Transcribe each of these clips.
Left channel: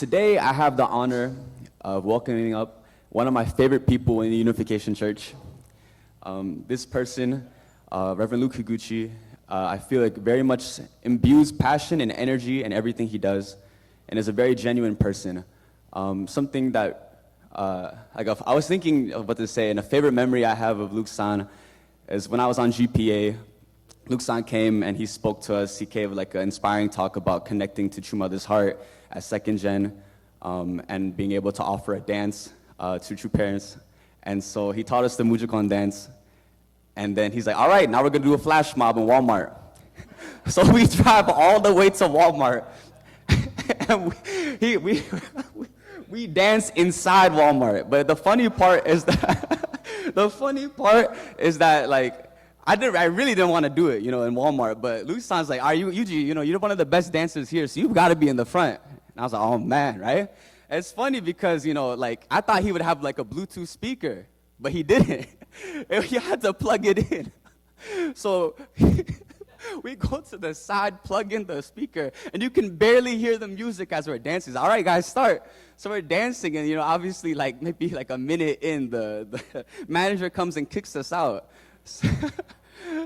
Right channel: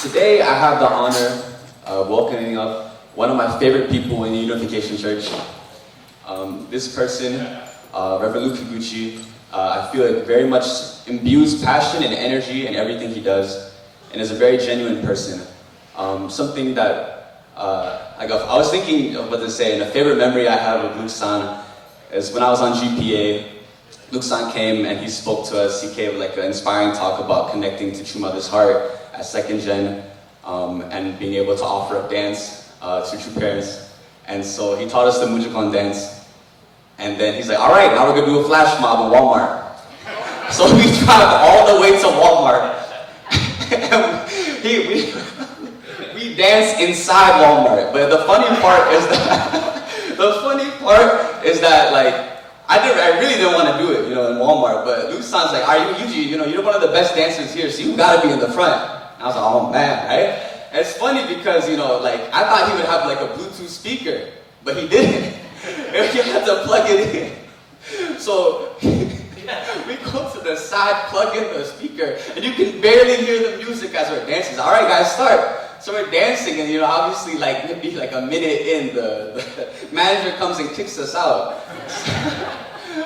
Today I have the honor of welcoming up one of my favorite people in the Unification Church. This person, Reverend Higuchi, I feel like very much imbues passion and energy in everything he does, and is a very genuine person. Something that I was thinking of what to say, and a favorite memory I have of Luke-san is when I was on GPA. Luke-san came and he spoke to us. He gave like an inspiring talk about connecting to True Mother's Heart as second gen, and being able to offer up dance to true parents. And so he taught us the Mujikon dance. And then he's like, all right, now we're gonna do a flash mob in Walmart. So we drive all the way to Walmart. And we dance inside Walmart. But the funny part is that like, I really didn't want to do it, in Walmart. But Luke-san's like, you're one of the best dancers here, so you gotta be in the front. And I was like, oh man, right? And it's funny because, I thought he would have like a Bluetooth speaker, but he didn't. You had to plug it in. So we go to the side, plug in the speaker, and you can barely hear the music as we're dancing. All right, guys, start. So we're dancing, and obviously, maybe like a minute in, the manager comes and kicks us out.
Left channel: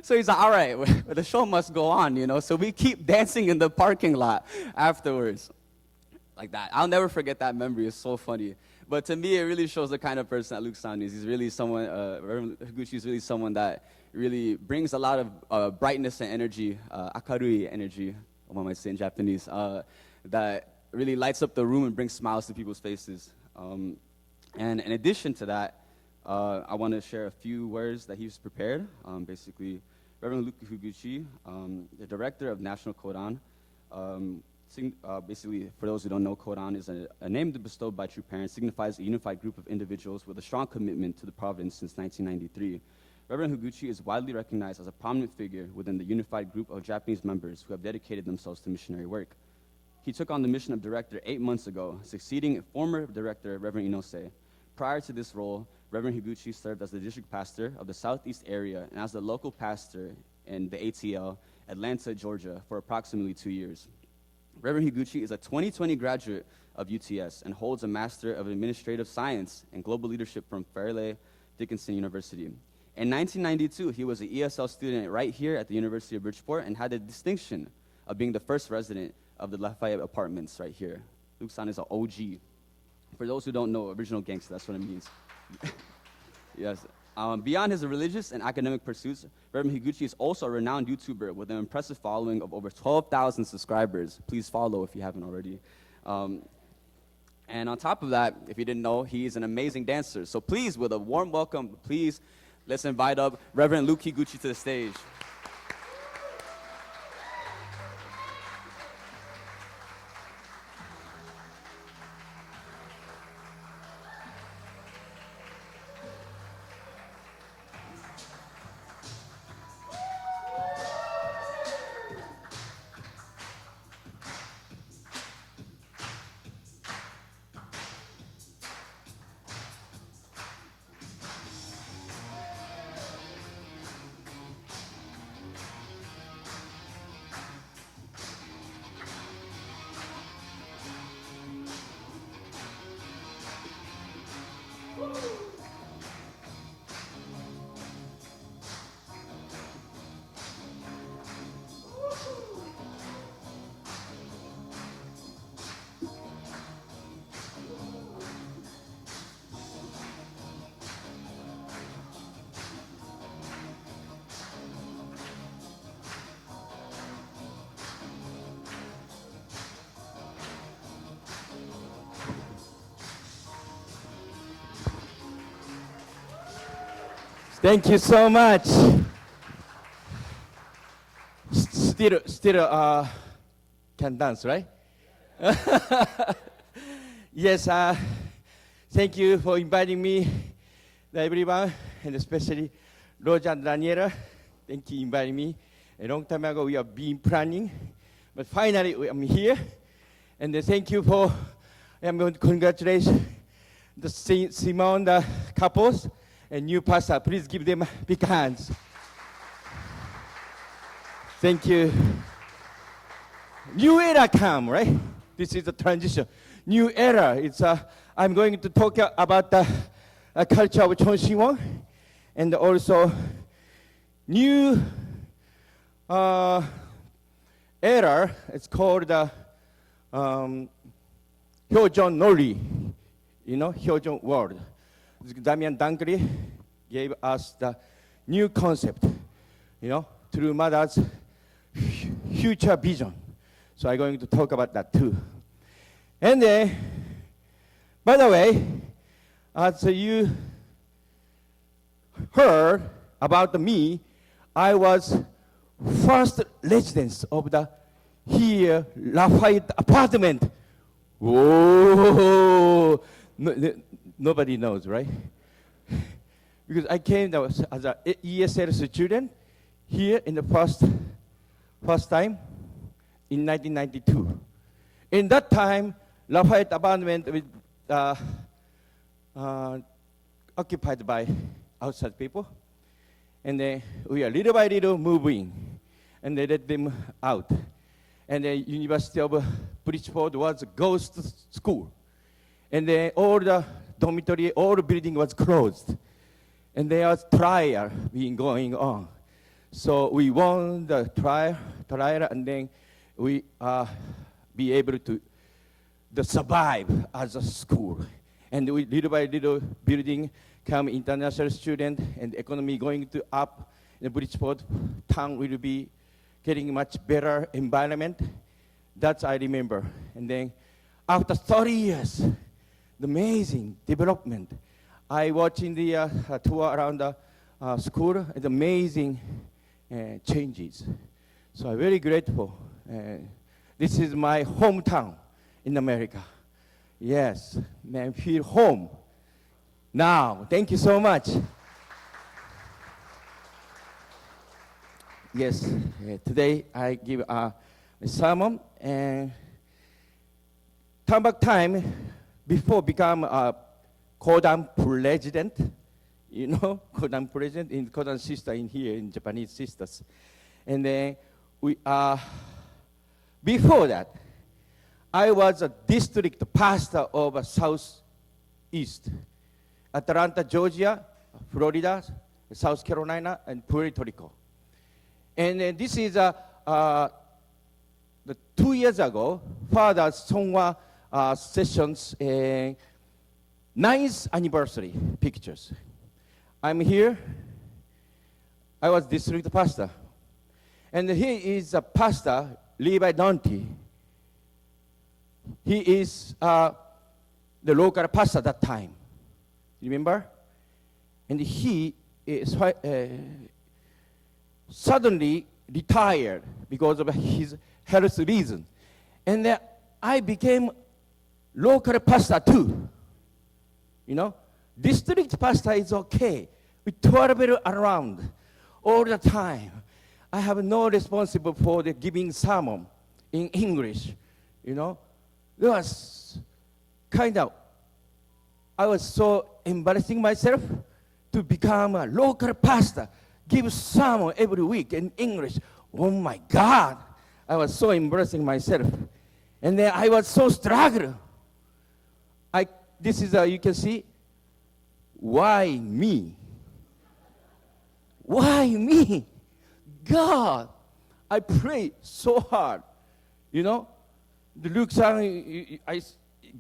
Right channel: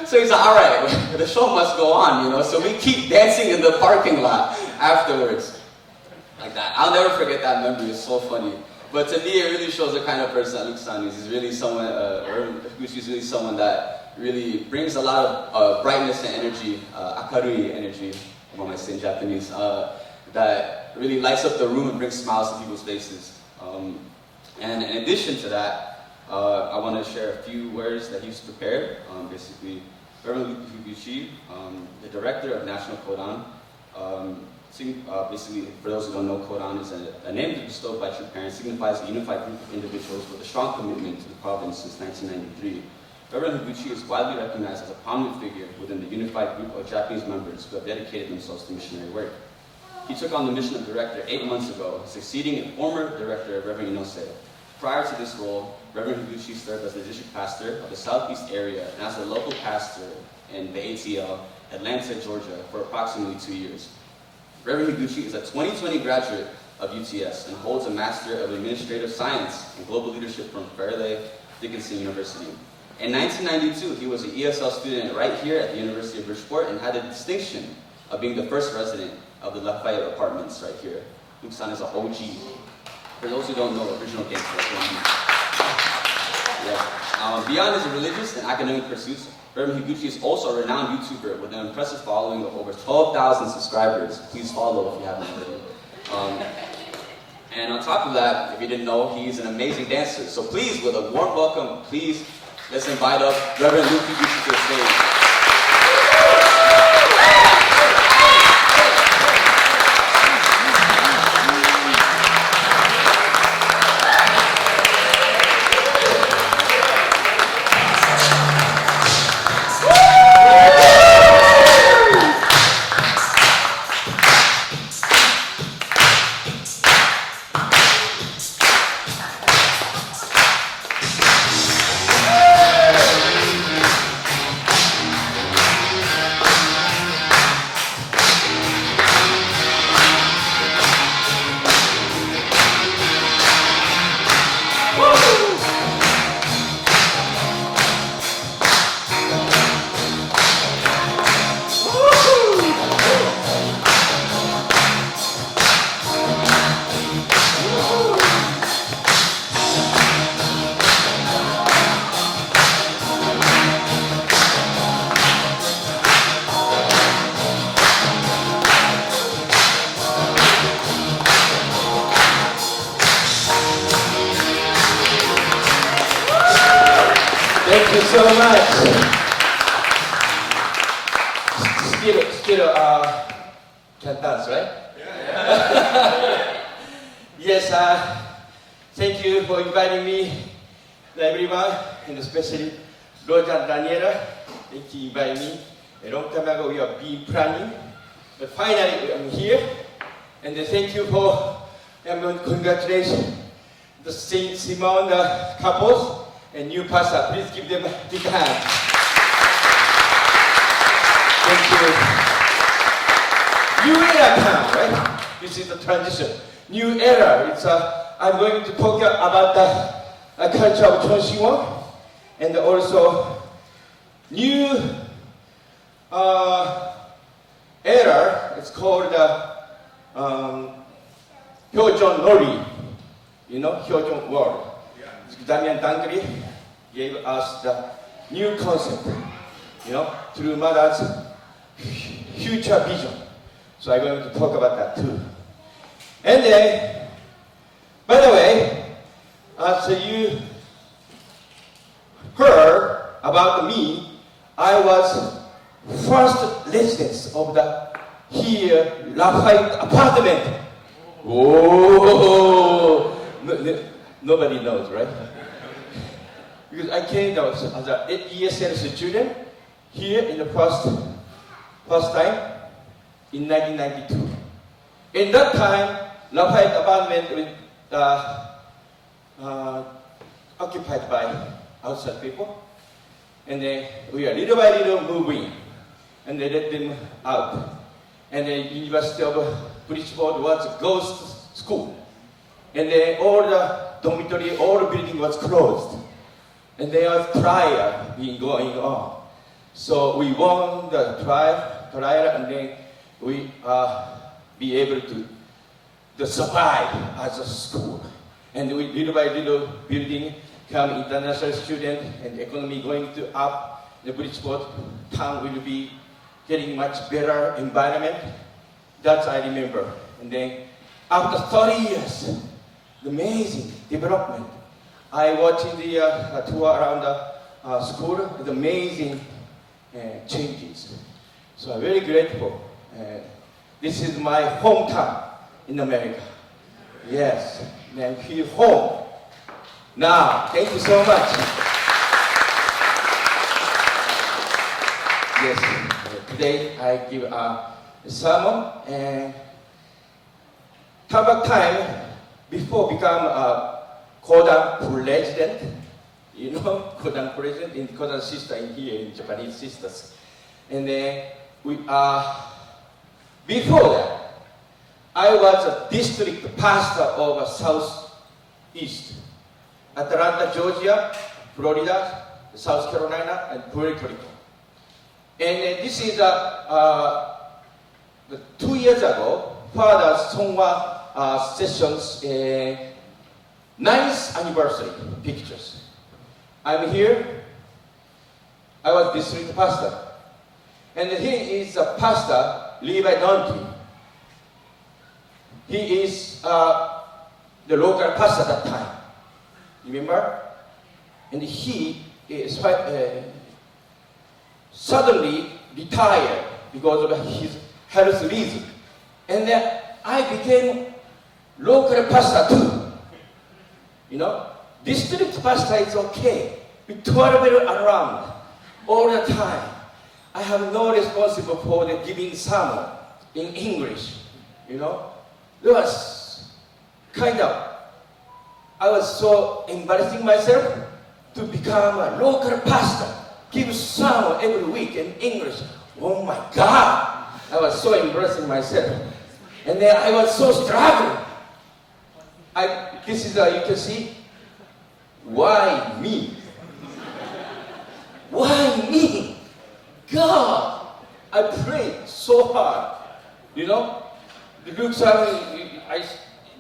So he's like, all right, the show must go on, So we keep dancing in the parking lot afterwards. Like that. I'll never forget that memory. It's so funny. But to me, it really shows the kind of person that Luke-san is. He's really someone, Higuchi is really someone that really brings a lot of brightness and energy, akarui energy, what I say in Japanese, that really lights up the room and brings smiles to people's faces. And in addition to that, I want to share a few words that he's prepared. Basically, Reverend Higuchi, the director of National Kodan. Basically, for those who don't know, Kodan is a name bestowed by true parents, signifies a unified group of individuals with a strong commitment to the province since 1993. Reverend Higuchi is widely recognized as a prominent figure within the unified group of Japanese members who have dedicated themselves to missionary work. He took on the mission of director 8 months ago, succeeding a former director, Reverend Inose. Prior to this role, Reverend Higuchi served as the district pastor of the southeast area and as a local pastor in the ATL, Atlanta, Georgia, for approximately 2 years. Reverend Higuchi is a 2020 graduate of UTS and holds a Master of Administrative Science and Global Leadership from Fairleigh Dickinson University. In 1992, he was an ESL student right here at the University of Bridgeport and had the distinction of being the first resident of the Lafayette Apartments right here. Luke-san is an OG. For those who don't know, original gangster. Yeah. Beyond his religious and academic pursuits, Reverend Higuchi is also a renowned YouTuber with an impressive following of over 12,000 subscribers. Please follow if you haven't already. And on top of that, if you didn't know, he's an amazing dancer. So please, with a warm welcome, please, let's invite up Reverend Higuchi to the stage. Thank you so much. Still, can dance, right? Yeah. Yes, thank you for inviting me, everyone, and especially Roger and Daniela. Thank you for inviting me. A long time ago, we have been planning, but finally, I'm here. And thank you for, congratulations, the Simon couples. And new pastor, please give them a big hand. Thank you. You will come, right? This is the transition. new era. I'm going to talk about the culture of CheonShim and also new era. It's called Hyojon Nori. You know, Hyojon World. Damian Dangri gave us the new concept, you know, through mother's future vision. So I'm going to talk about that too. And then, by the way, as you heard about me, I was first resident of the here Lafayette apartment. Whoa! Nobody knows, right? Because I came as an ESL student here in the first time in 1992. In that time, Lafayette apartment was occupied by outside people, and we are little by little moving, and they let them out. And the University of Bridgeport was a ghost school, and all the dormitory, all the building was closed, and there was trial going on. So we won the trial, and then we be able to survive as a school. And we little by little building come international student and economy going to up. The Bridgeport town will be getting much better environment. That I remember. And then after 30 years, the amazing development. I watching the tour around the school with amazing changes. So I'm very grateful. This is my hometown in America. Yes, man, feel home. Now, thank you so much. Yes, today I give a sermon and time before become a Kodan president, you know, Kodan president in Kodan sister in here in Japanese sisters, and then we are before that. I was a district pastor of Southeast, Atlanta, Georgia, Florida, South Carolina, and Puerto Rico. And this is the 2 years ago, Father's Songwa sessions 9th anniversary pictures. I'm here. I was district pastor, and he is a pastor, Levi Dante. He is the local pastor at that time. Remember? And he is suddenly retired because of his health reason. And I became local pastor too. You know, district pastor is okay. We travel around all the time. I have no responsible for the giving sermon in English. You know, there was I was so embarrassing myself to become a local pastor, give sermon every week in English. Oh my God! I was so embarrassing myself. And then I was so struggling. This is you can see, why me? Why me? God, I prayed so hard. You know, the Luke Simon, I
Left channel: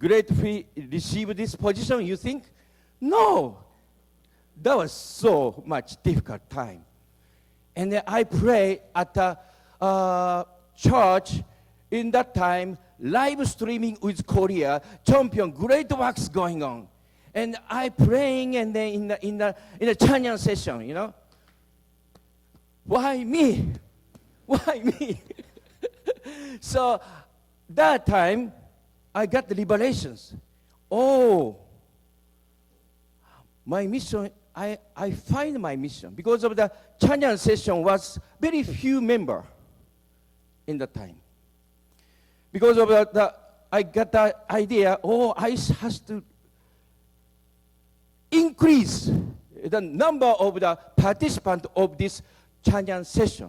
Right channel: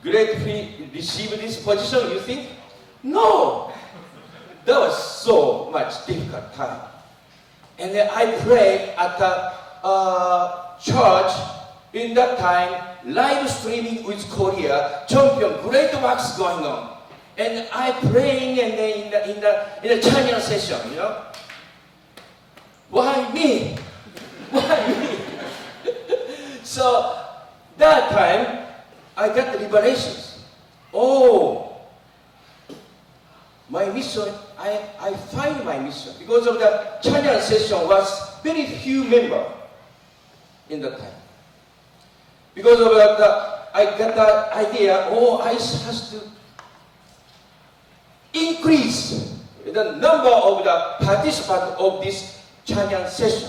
gratefully received this position, you think? No! That was so much difficult time. And then I prayed at the church in that time, live streaming with Korea, CheonShim, great works going on. And I praying in the Chinese session, you know. Why me? Why me? So that time, I got the liberations. Oh, my mission, I find my mission. Because of the Chinese session was very few members in that time. Because of I got the idea, I have to increase the number of the participants of this Chinese session.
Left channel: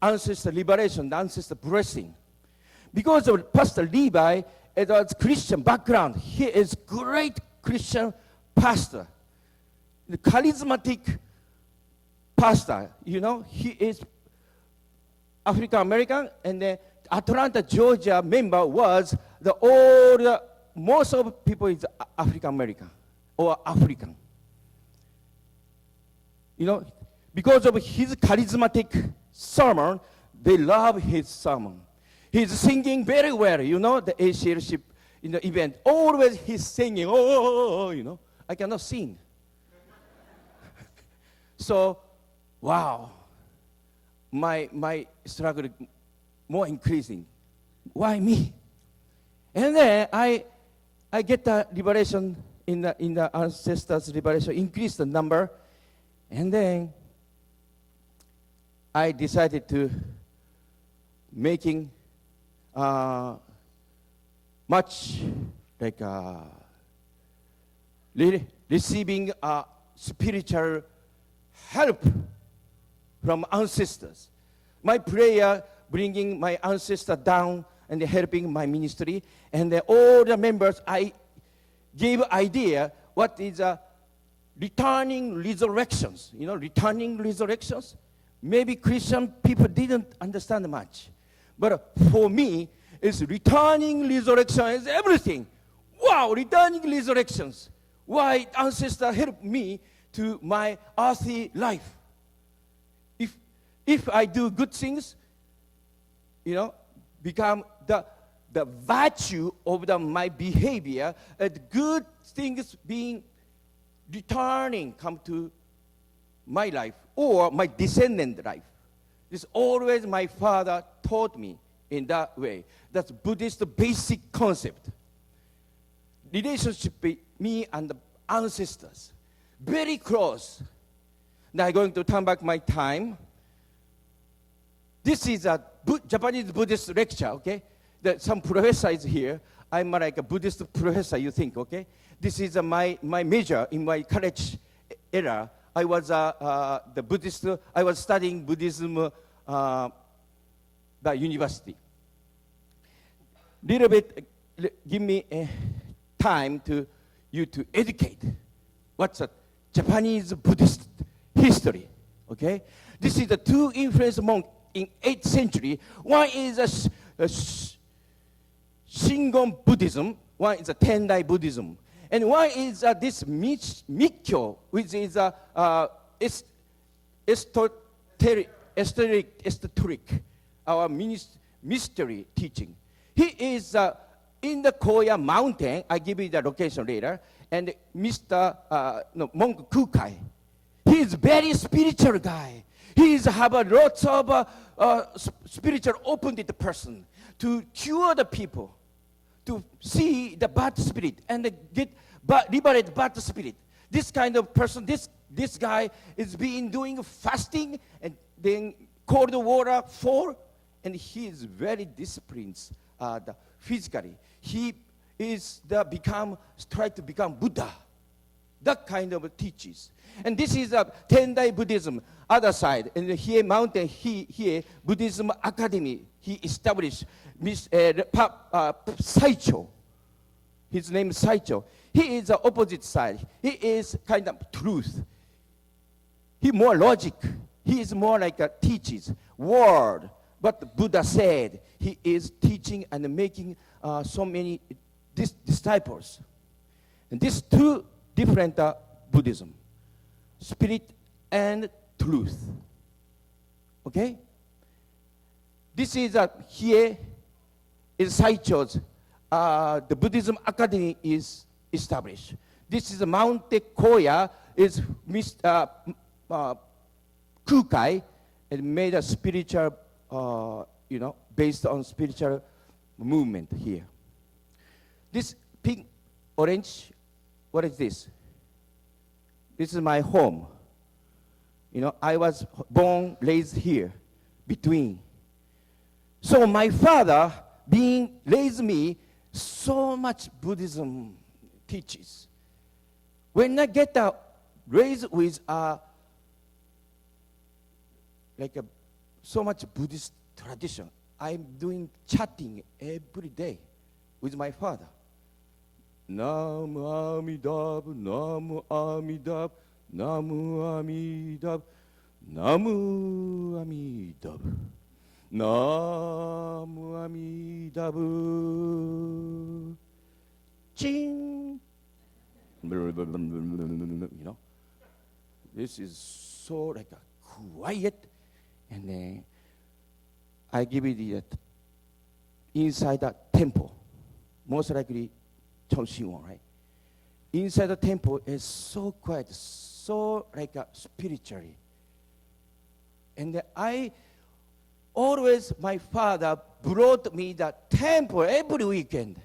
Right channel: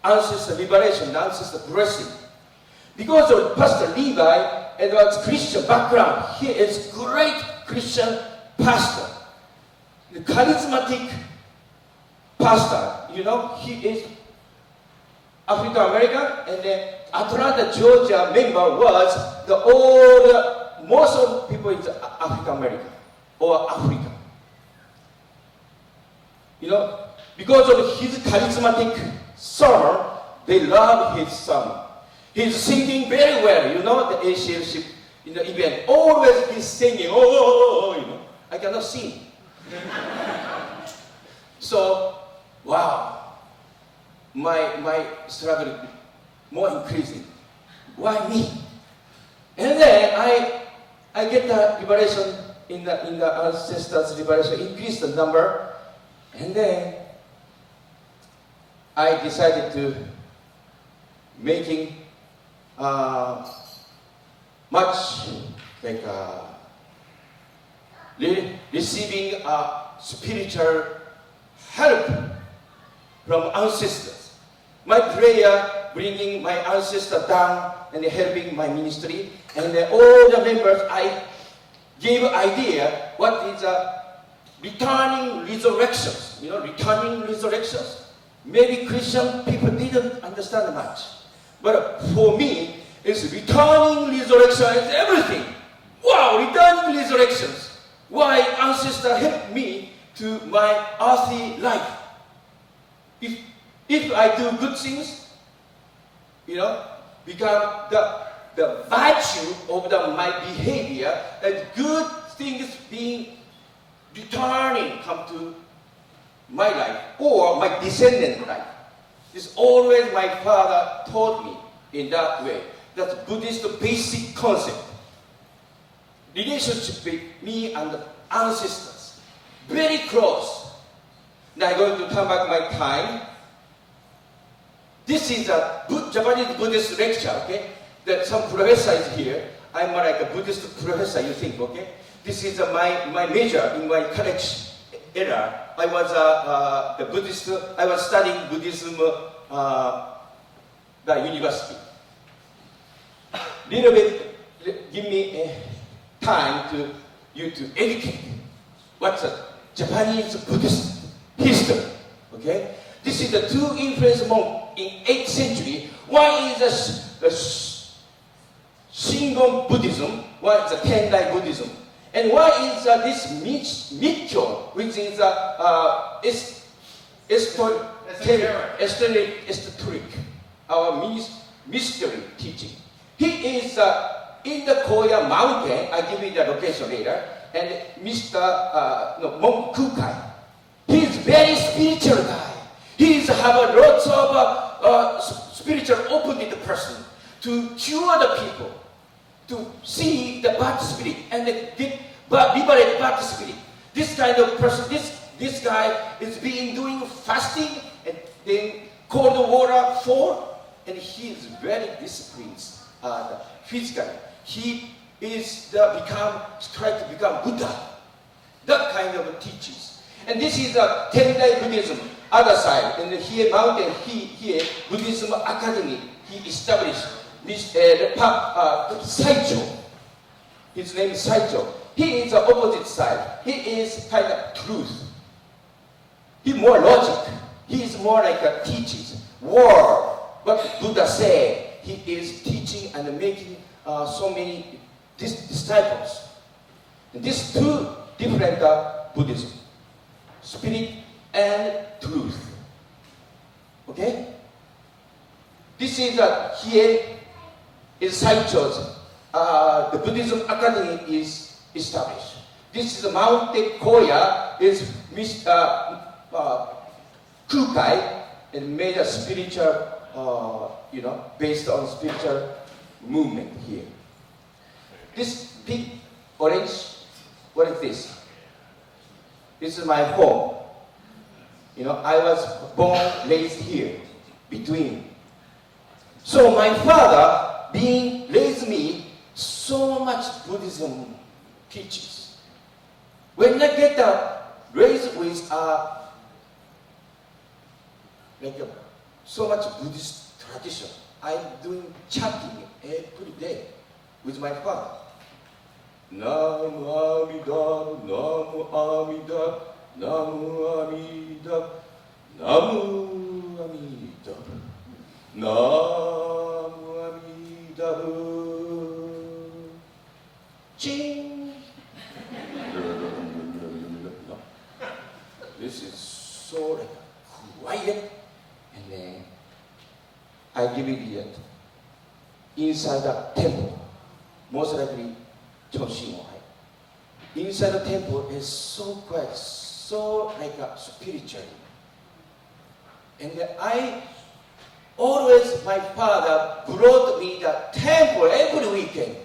Ancestor liberation, ancestor blessing. Because of Pastor Levi Edward's Christian background. He is great Christian pastor, the charismatic pastor. He is African American, and the Atlanta, Georgia member was most of people is African American or African. Because of his charismatic sermon, they love his sermon. He's singing very well, the ACLC event. Always he's singing, I cannot sing. So, wow, my struggle more increasing. Why me? And then I get the liberation in the ancestors' liberation, increase the number, and then I decided to making much like receiving spiritual help from ancestors. My prayer bringing my ancestor down and helping my ministry, and all the members I gave idea what is returning resurrections. Returning resurrections. Maybe Christian people didn't understand much. But for me, it's returning resurrection is everything. Wow, returning resurrections. Why ancestor helped me to my earthly life. If I do good things, become the virtue of my behavior, good things being returning come to my life or my descendant life. This always my father taught me in that way. That's Buddhist basic concept. Relationship with me and the ancestors. Very close. Now I'm going to turn back my time. This is a Japanese Buddhist lecture, okay? That some professor is here. I'm like a Buddhist professor, you think, okay? This is my major in my college era. I was the Buddhist. I was studying Buddhism the university. Little bit, give me time to educate. What's a Japanese Buddhist history? Okay, this is the two influence monk in 8th century. One is a Shingon Buddhism. One is a Tendai Buddhism. And one is this Mikkyo, which is esoteric, our mystery teaching. He is in the Koya mountain. I give you the location later. And Monk Kukai. He is very spiritual guy. He have a lots of spiritual open-minded person to cure the people, to see the bad spirit and liberate bad spirit. This kind of person, this guy is doing fasting and then cold water fall, and he is very disciplined physically. He is trying to become Buddha. That kind of teachings. And this is a Tendai Buddhism. Other side, and here mountain, here Buddhism Academy. He established Saicho. His name is Saicho. He is the opposite side. He is kind of truth. He's more logic. He is more like a teaches word. What Buddha said, he is teaching and making so many disciples. And these two different Buddhism, spirit and truth. Okay? This is here is Saicho's. The Buddhism Academy is established. This is Mount Koya is Kukai and made a spiritual, based on spiritual movement here. This big orange, what is this? This is my home. I was born, raised here, between. So my father raised me so much Buddhism teaches. When I get raised with so much Buddhist tradition, I'm doing chanting every day. with my father. Namu Amida, Namu Amida, Namu Amida, Namu Amida, Namu Amida. Ching. This is so like quiet, and then I give it yet inside the temple, most likely CheonShim. Inside the temple is so quiet, so like spiritual. And I always, my father brought me the temple every weekend.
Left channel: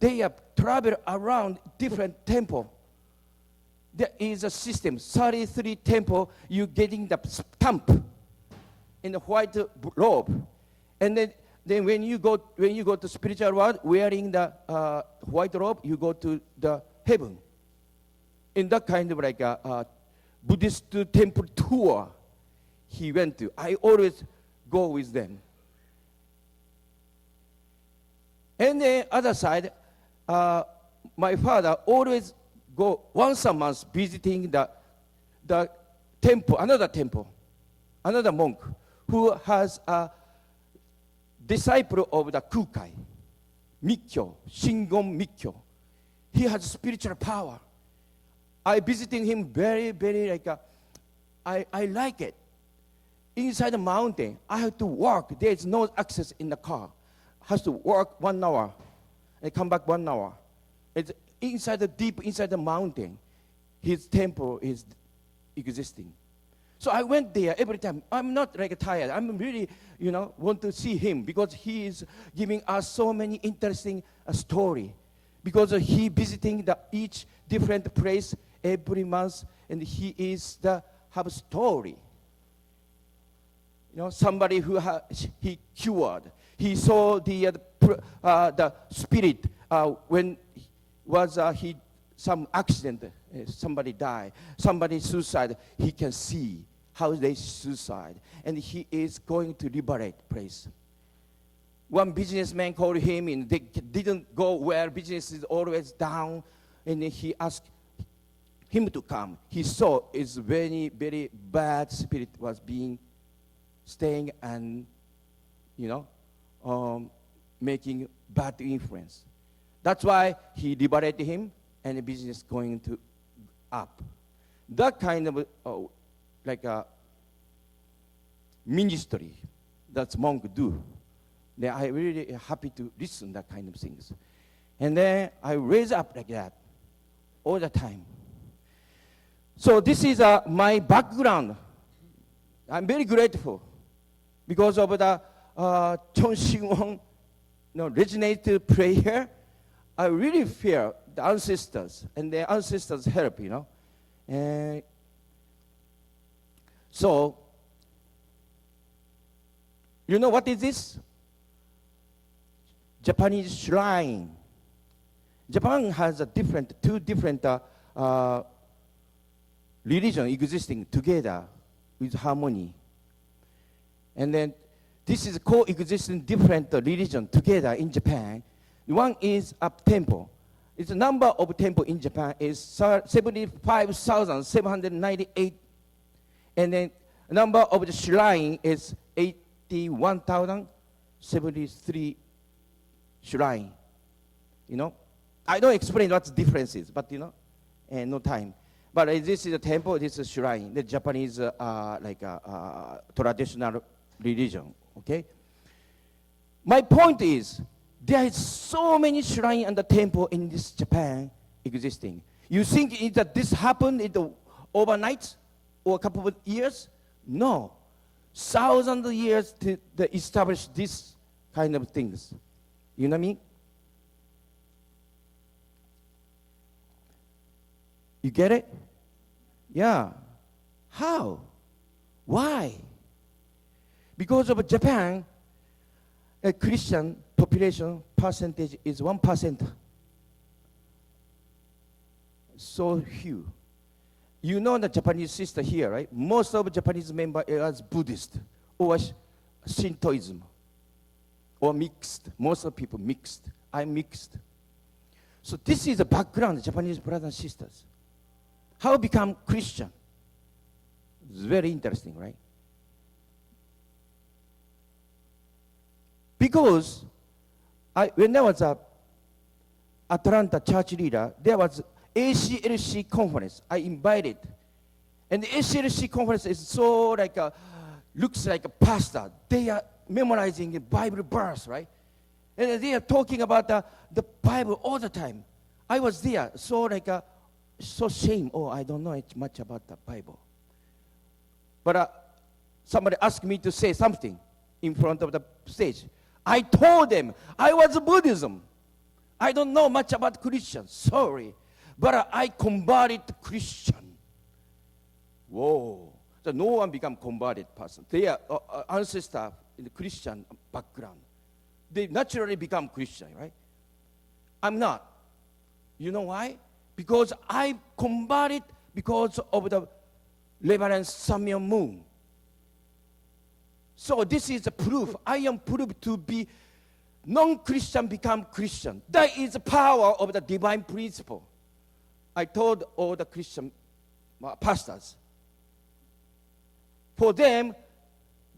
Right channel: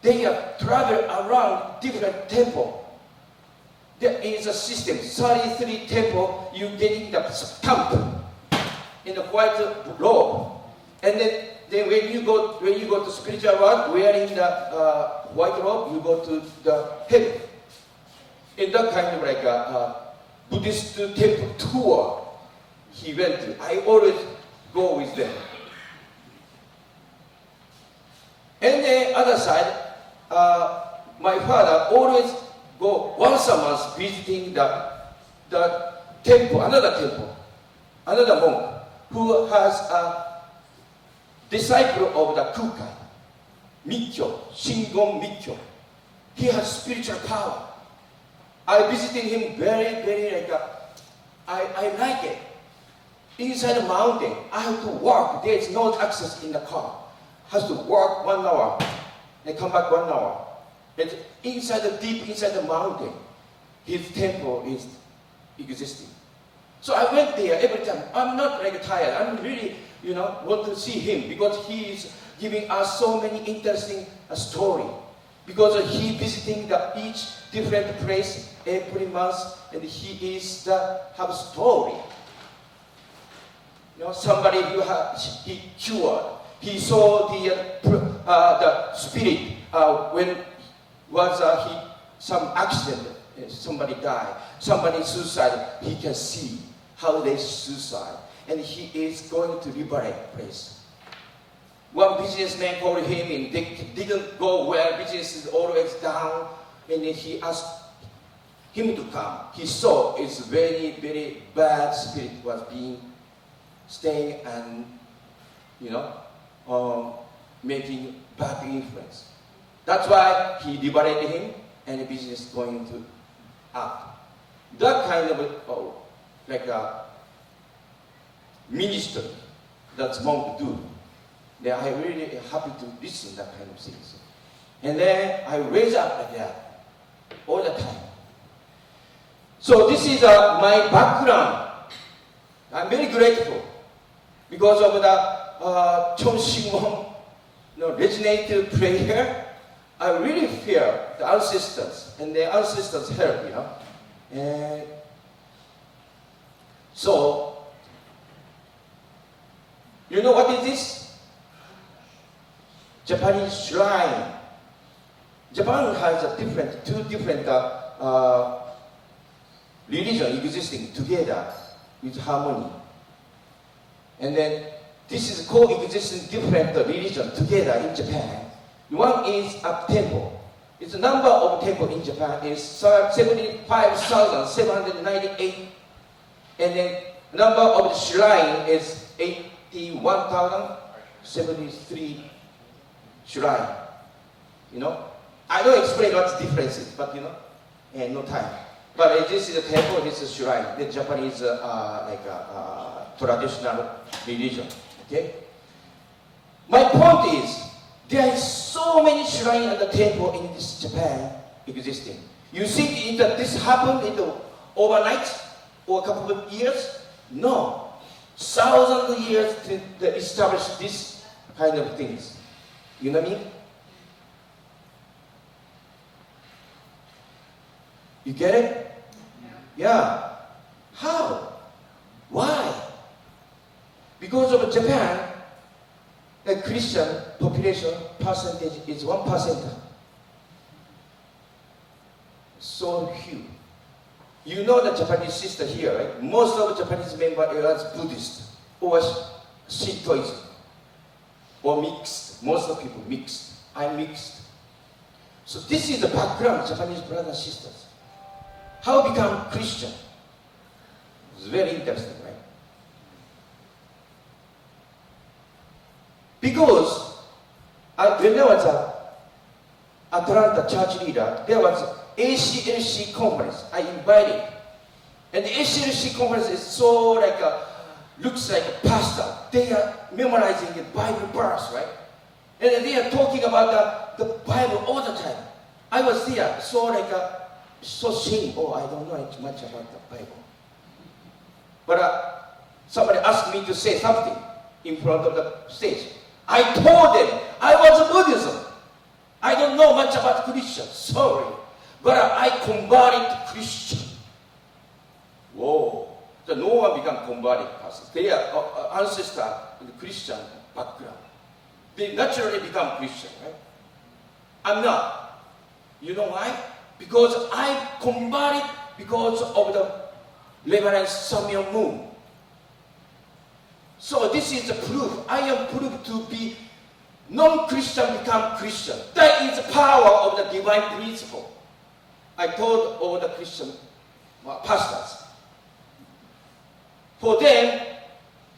They have traveled around different temple. There is a system, 33 temple, you getting the stamp in the white robe. And then when you go to spiritual world, wearing the white robe, you go to the heaven. In that kind of like a Buddhist temple tour he went to. I always go with them. And the other side, my father always go once a month visiting the temple, another monk who has a disciple of the Kukai, Mikkyo, Shingon Mikkyo. He has spiritual power. I visited him very like I like it. Inside the mountain, I have to walk. There is no access in the car. Has to walk 1 hour, then come back 1 hour. And deep inside the mountain, his temple is existing. So I went there every time. I'm not like tired. I'm really, want to see him because he is giving us so many interesting story. Because he visiting each different place every month, and he is have story. Somebody who he cured. He saw the spirit when was some accident, somebody died, somebody suicide. He can see how they suicide, and he is going to liberate place. One businessman called him and they didn't go well. Business is always down, and he asked him to come. He saw it's very bad spirit was being staying and making bad influence. That's why he liberated him, and the business going to up. That kind of like a ministry that's monk do. Then I really happy to listen to that kind of things. And then I raise up like that all the time. So this is my background. I'm very grateful because of the CheonShim resonated prayer. I really feel the ancestors, and the ancestors help, And so, what is this? Japanese shrine. Japan has two different religions existing together with harmony. And then this is coexisting different religions together in Japan. One is a temple. Its number of temples in Japan is 75,798, and the number of shrine is 81,073 shrine. I don't explain what the difference is, but no time. But this is a temple, this is a shrine. The Japanese traditional religion. Okay. My point is, there is so many shrines and the temple in this Japan existing. You think that this happened overnight or a couple of years? No. Thousands of years to establish this kind of things. You know what I mean? You get it? Yeah. How? Why? Because of Japan, the Christian population percentage is 1%. So huge. You know the Japanese sister here, right? Most of the Japanese members are Buddhist or Shintoism or mixed. Most of people mixed. I'm mixed. So this is the background, Japanese brothers and sisters. How become Christian? It's very interesting, right? Because when I was an Atlanta church leader, there was ACLC conference. I invited. And the ACLC conference is so like looks like a pastor. They are memorizing the Bible verse, right? And they are talking about the Bible all the time. I was there, so shame. Oh, I don't know much about the Bible. But somebody asked me to say something in front of the stage. I told them I was Buddhism. I don't know much about Christian. Sorry, but I converted to Christian. Whoa! So no one become converted person. They are ancestor with Christian background. They naturally become Christian, right? I'm not. You know why? Because I converted because of the Reverend Samuel Moon. So this is the proof. I am proved to be non-Christian become Christian. That is the power of the divine principle. I told all the Christian pastors. For them,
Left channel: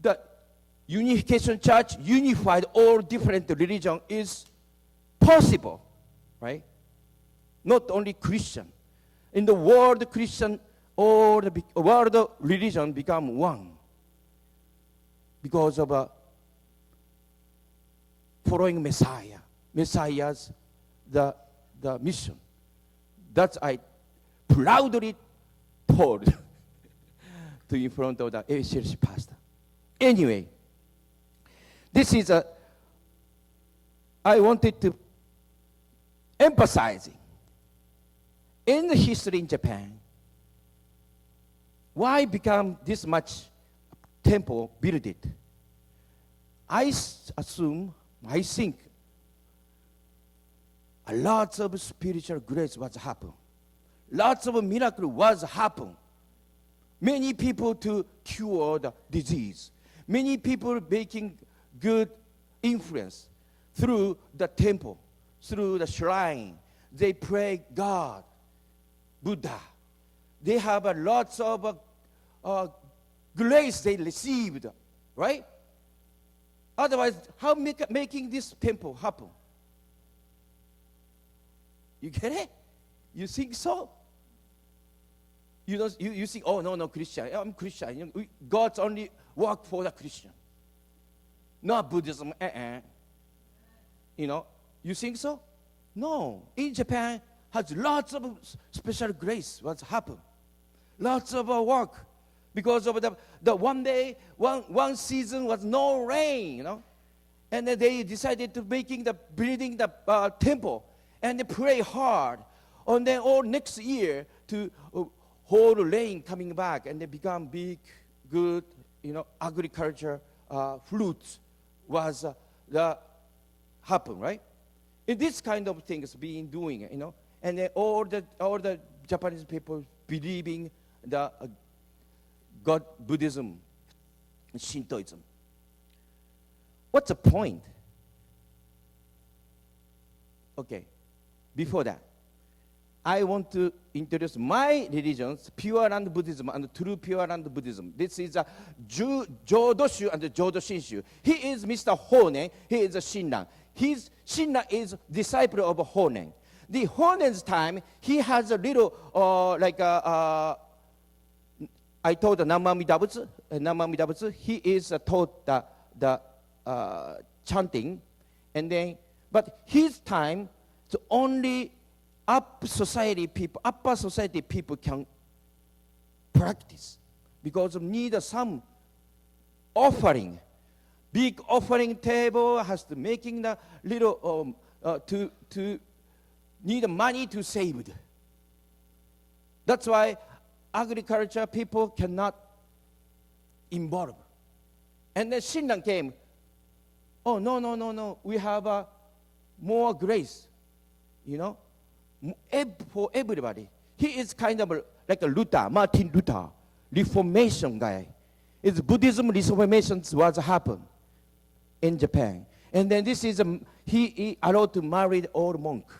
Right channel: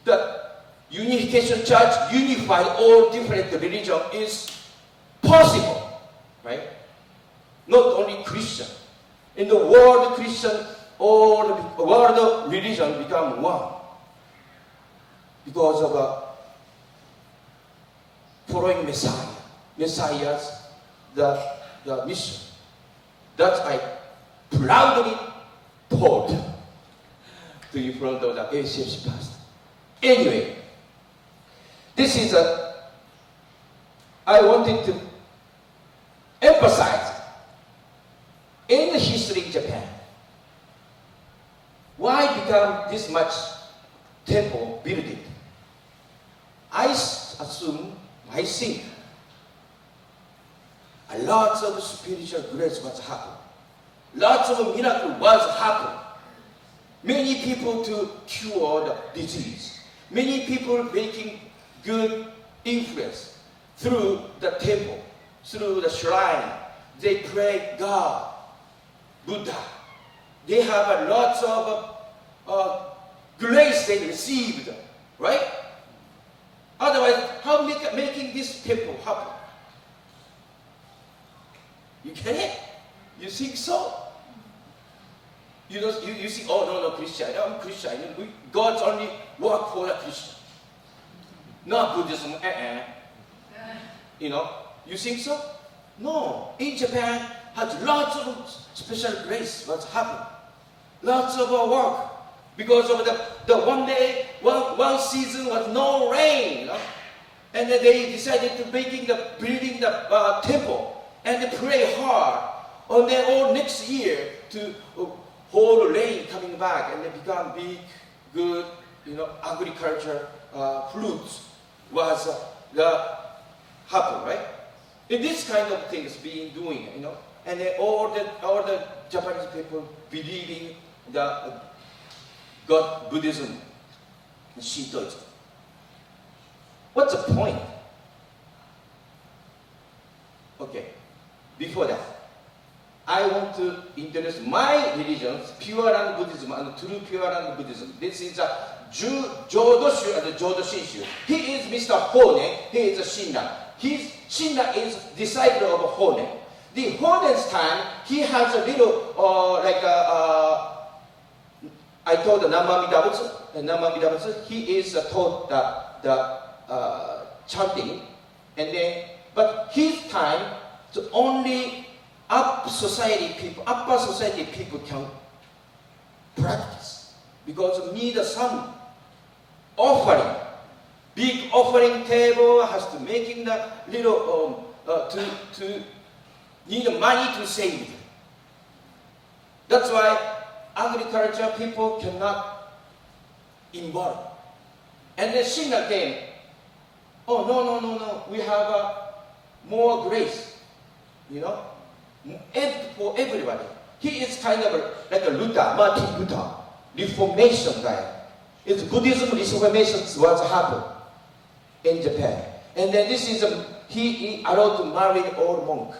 the Unification Church unify all different religions is possible, right? Not only Christian. In the world, Christian, all the world religion become one because of following Messiah. Messiah's the mission. That I proudly told to in front of the ACC pastor. Anyway, this is I wanted to emphasize in the history in Japan, why become this much temple building? I think a lot of spiritual grace was happened. Lots of miracle was happened. Many people to cure the disease. Many people making good influence through the temple, through the shrine. They pray God, Buddha. They have a lots of grace they received, right? Otherwise, how making this temple happen? You get it? You think so? You think, oh no, Christian. I'm Christian. God only work for the Christian. Not Buddhism. You think so? No. In Japan, has lots of special grace. What's happened? Lots of work. Because of the one day, one season was no rain. And then they decided to building the temple. And they pray hard. And then all next year to whole rain coming back. And they become big, good, agriculture fruits was happen, right? And this kind of things being doing, and all the Japanese people believing the God, Buddhism, and Shintoism. What's the point? Okay, before that, I want to introduce my religions, Pure Land Buddhism and True Pure Land Buddhism. This is a Jodoshu and Jodoshinshu. He is Mr. Hone, he is a Shinna. Shinna is disciple of Hone. The Hone's time, he has a little, I told the Namamidabutsu, he is taught the chanting, but his time, so only upper society people can practice because need some offering. Big offering table has to making the little to need money to save. That's why agriculture people cannot involve. And then Shinna came. Oh no! We have more grace, for everybody. He is kind of like a Martin Luther, Reformation guy. It's Buddhism Reformation was happened in Japan. And then this is he allowed to marry all monk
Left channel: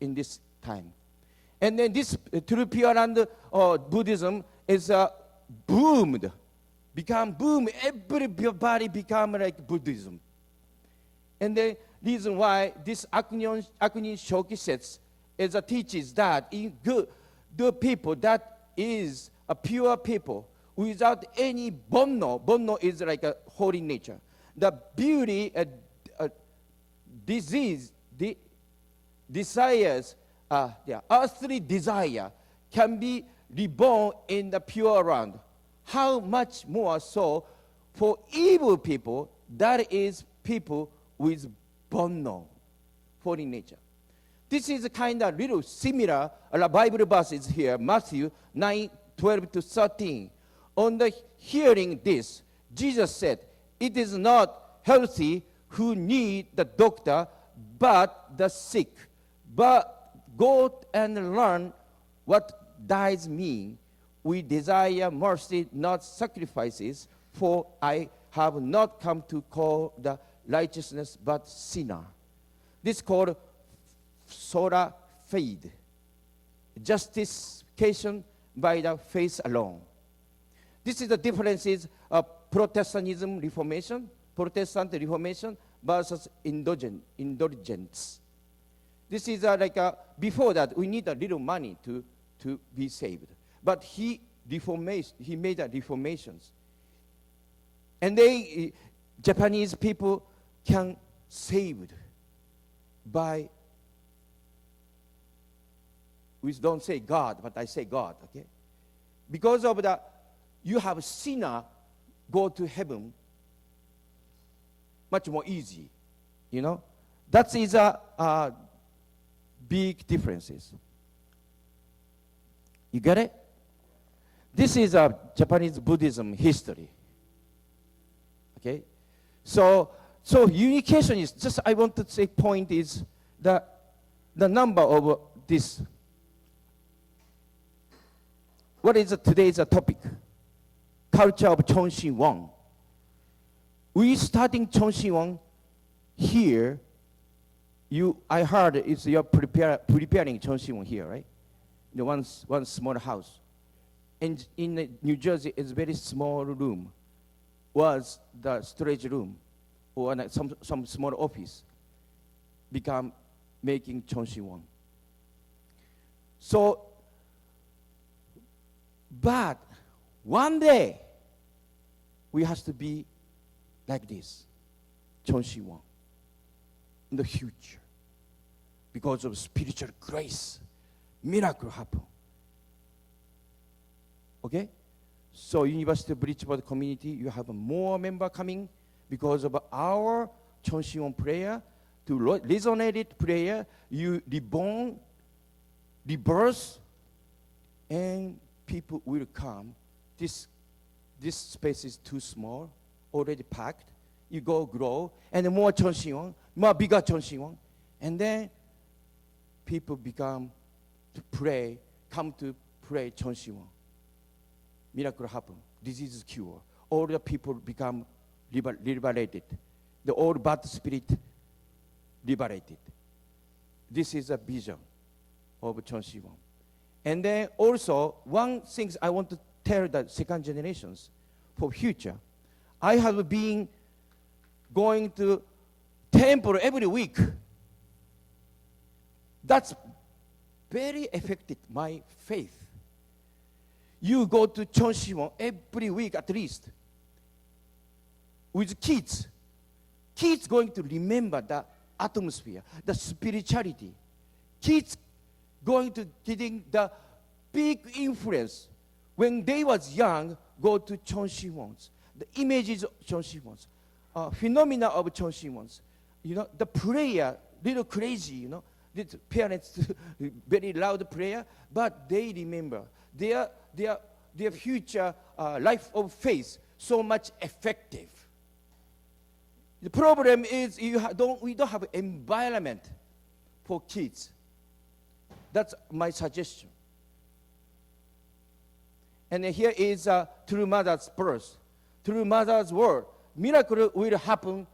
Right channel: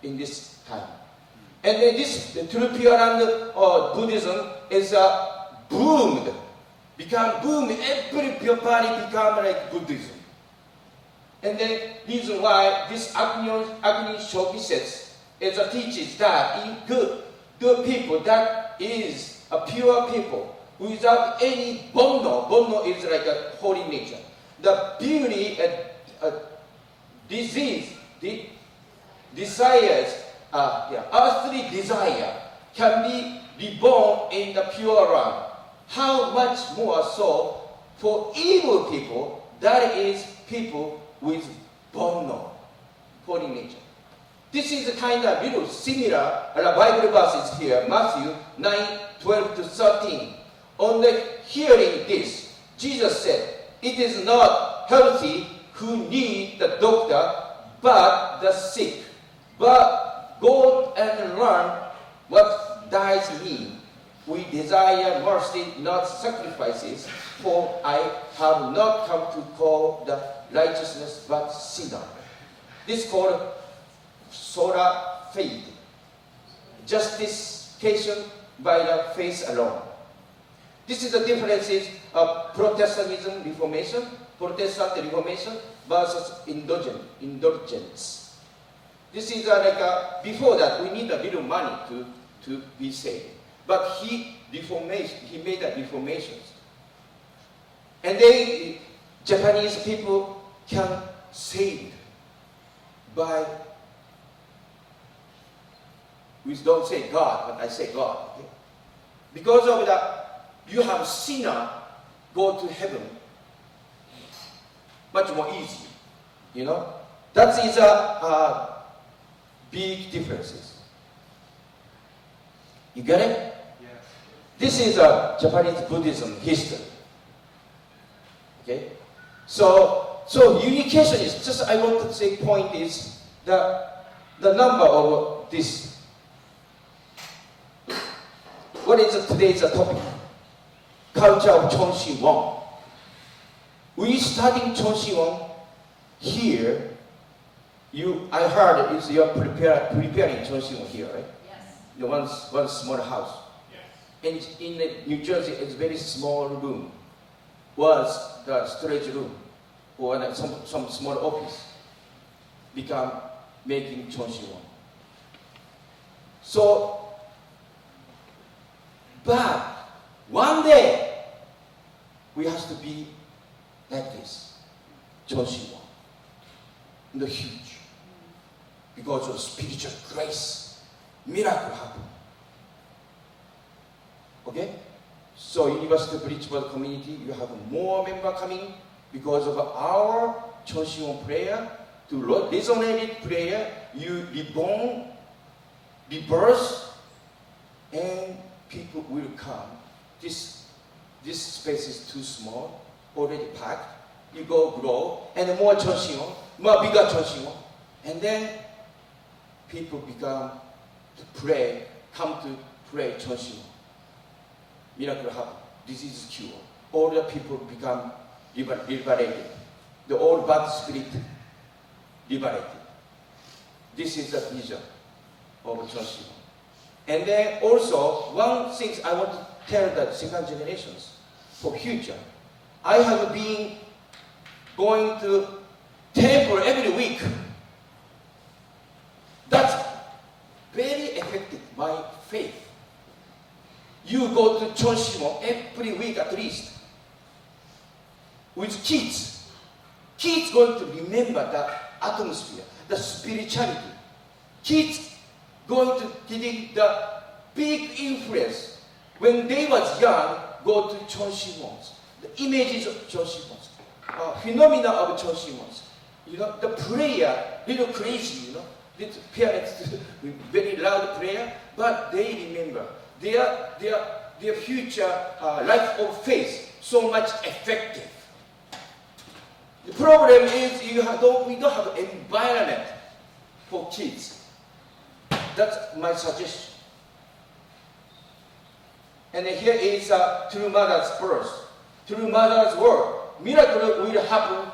in this time. And then this through Pure Land Buddhism is boomed, become boom. Everybody become like Buddhism. And then reason why this Agni Shoki says is teaches that in the people that is a pure people without any bono is like a holy nature. The beauty, disease, the desires, earthly desire can be reborn in the pure land. How much more so for evil people, that is people with bono, holy nature. This is a kind of little similar Bible verses here, Matthew 9:12-13. On the hearing this, Jesus said, "It is not healthy who need the doctor, but the sick. But go and learn what dies mean. We desire mercy, not sacrifices, for I have not come to call the righteousness, but sinner." This is called sola fide, justification by the faith alone. This is the differences of Protestantism Reformation, Protestant Reformation versus indulgence. This is before that we need a little money to be saved. But he made a reformations. And Japanese people can save by, we don't say God, but I say God. Okay? Because of that, you have sinner go to heaven much more easy. You know? That is a big differences. You get it? Yes. This is a Japanese Buddhism history. Okay? So unification is just, I want to say point is the number of this. What is today's topic? Culture of CheonShim. We studying CheonShim here. I heard it's you're preparing CheonShim here, right? Yes. The one small house. Yes. In the New Jersey, it's very small room. Was the storage room or some small office become making CheonShim. So, but one day we have to be like this, CheonShim, the huge, because of spiritual grace, miracle happen. Okay. So University Principal Community, you have more members coming because of our CheonShim prayer, to resonate prayer, you reborn, rebirth, and people will come. This space is too small, already packed. You go grow, and more CheonShim, more bigger CheonShim, and then people become to pray, come to pray CheonShim. Miracle happen. Disease is cured. All the people become liberated. The old bad spirit liberated. This is the vision of CheonShim. And then also, one thing I want to tell the second generations for future. I have been going to temple every week. That's very effective, my faith. You go to CheonShim every week at least. With kids. Kids going to remember the atmosphere, the spirituality. Kids going to getting the big influence. When they was young, go to CheonShim. The images of CheonShim. Phenomena of CheonShim. You know, the prayer, little crazy, you know. The parents do very loud prayer, but they remember their future life of faith so much effective. The problem is we don't have an environment for kids. That's my suggestion. And here is through mother's birth, through mother's word, miracle will happen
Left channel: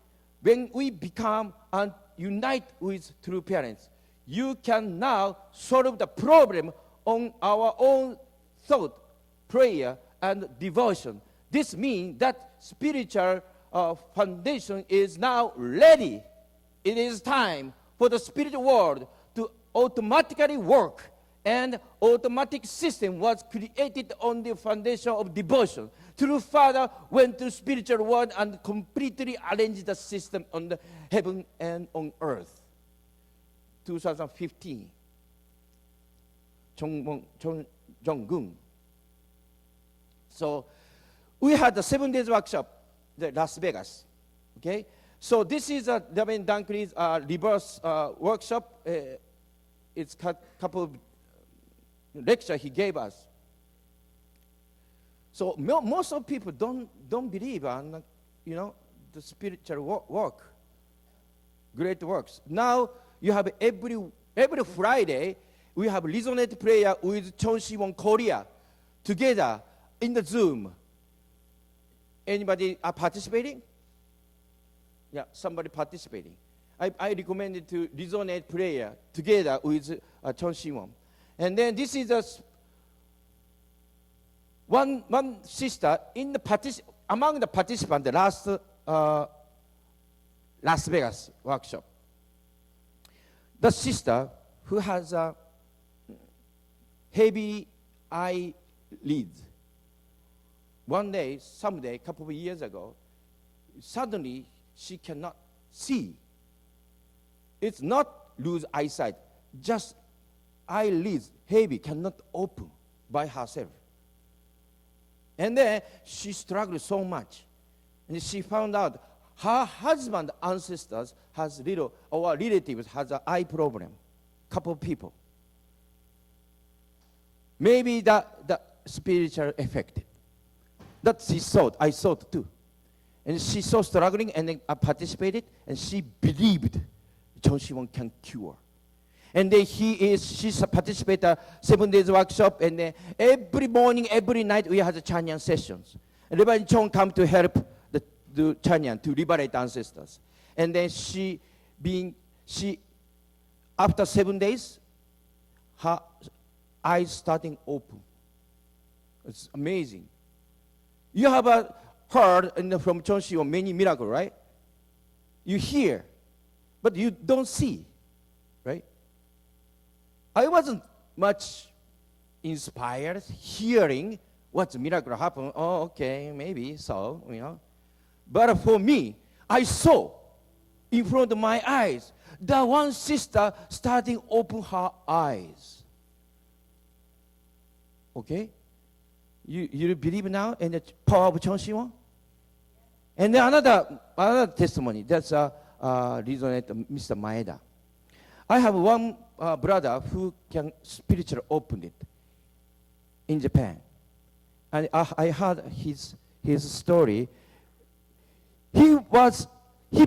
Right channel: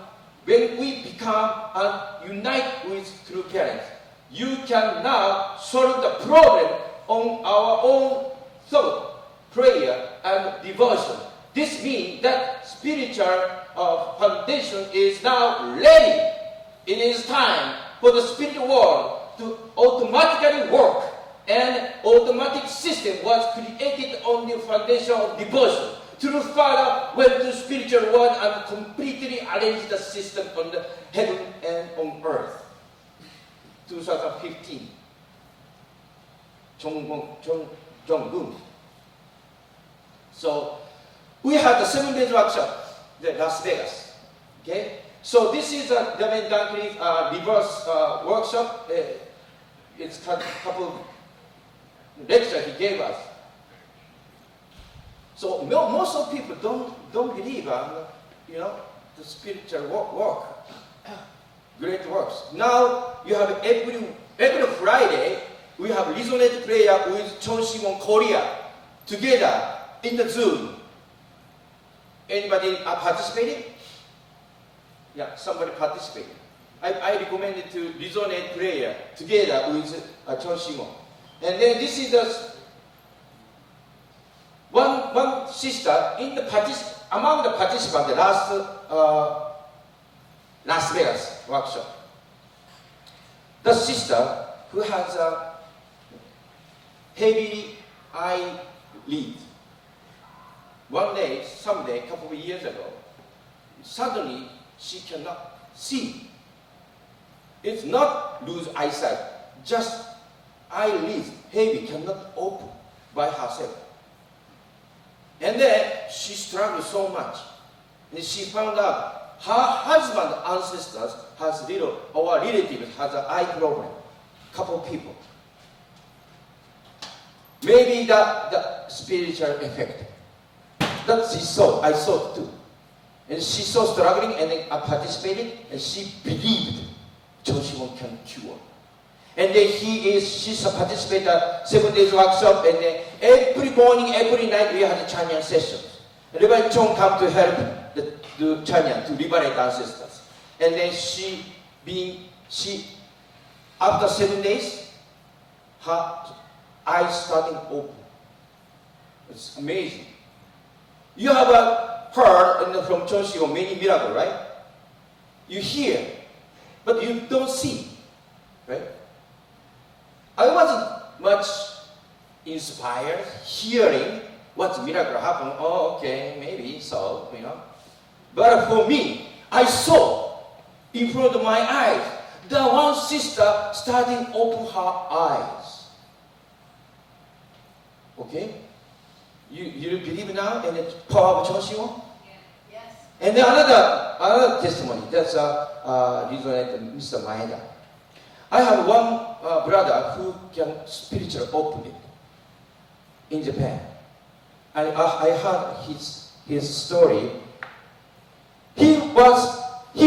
when we become and unite with true parents, you can now solve the problem on our own thought, prayer, and devotion. This means that spiritual foundation is now ready. It is time for the spiritual world to automatically work, and automatic system was created on the foundation of devotion. True Father went to spiritual world and completely arranged the system on the heaven and on earth. 2015. Jong-un. So we have the 7 days workshop, the Las Vegas. Okay. So this is a David Dunkley's reverse workshop. It's a couple lecture he gave us. So most of people don't believe the spiritual work, great works. Now you have every Friday we have resonate prayer with CheonShim on Korea together in the Zoom. Anybody participating? Yeah, somebody participating. I recommended to resonate prayer together with CheonShim. And then this is the one sister in the among the participants the last Las Vegas workshop. The sister who has a heavy eyelid. One day, someday, a couple of years ago, suddenly she cannot see. It's not lose eyesight, just eyelids heavy, cannot open by herself. And then she struggled so much. And she found out her husband's ancestors has little, or relatives has an eye problem. Couple people. Maybe the spiritual effect. That she saw, I saw too. And she saw struggling and then participated, and she believed CheonShim can cure. And then she's a participator at 7 days workshop, and then every morning, every night we have a Chanyan sessions. And Reverend Chong come to help do Chanyan to liberate ancestors. And then she after 7 days, her eyes starting open. It's amazing. You have heard from CheonShim many miracles, right? You hear, but you don't see, right? I wasn't much inspired hearing what miracle happened. Oh, okay, maybe so, But for me, I saw in front of my eyes the one sister starting open her eyes. Okay? You believe now in the power of CheonShim? Yes. And then another testimony. That's Mr. Maeda. I have one brother who can spiritually open it in Japan. I heard his story. He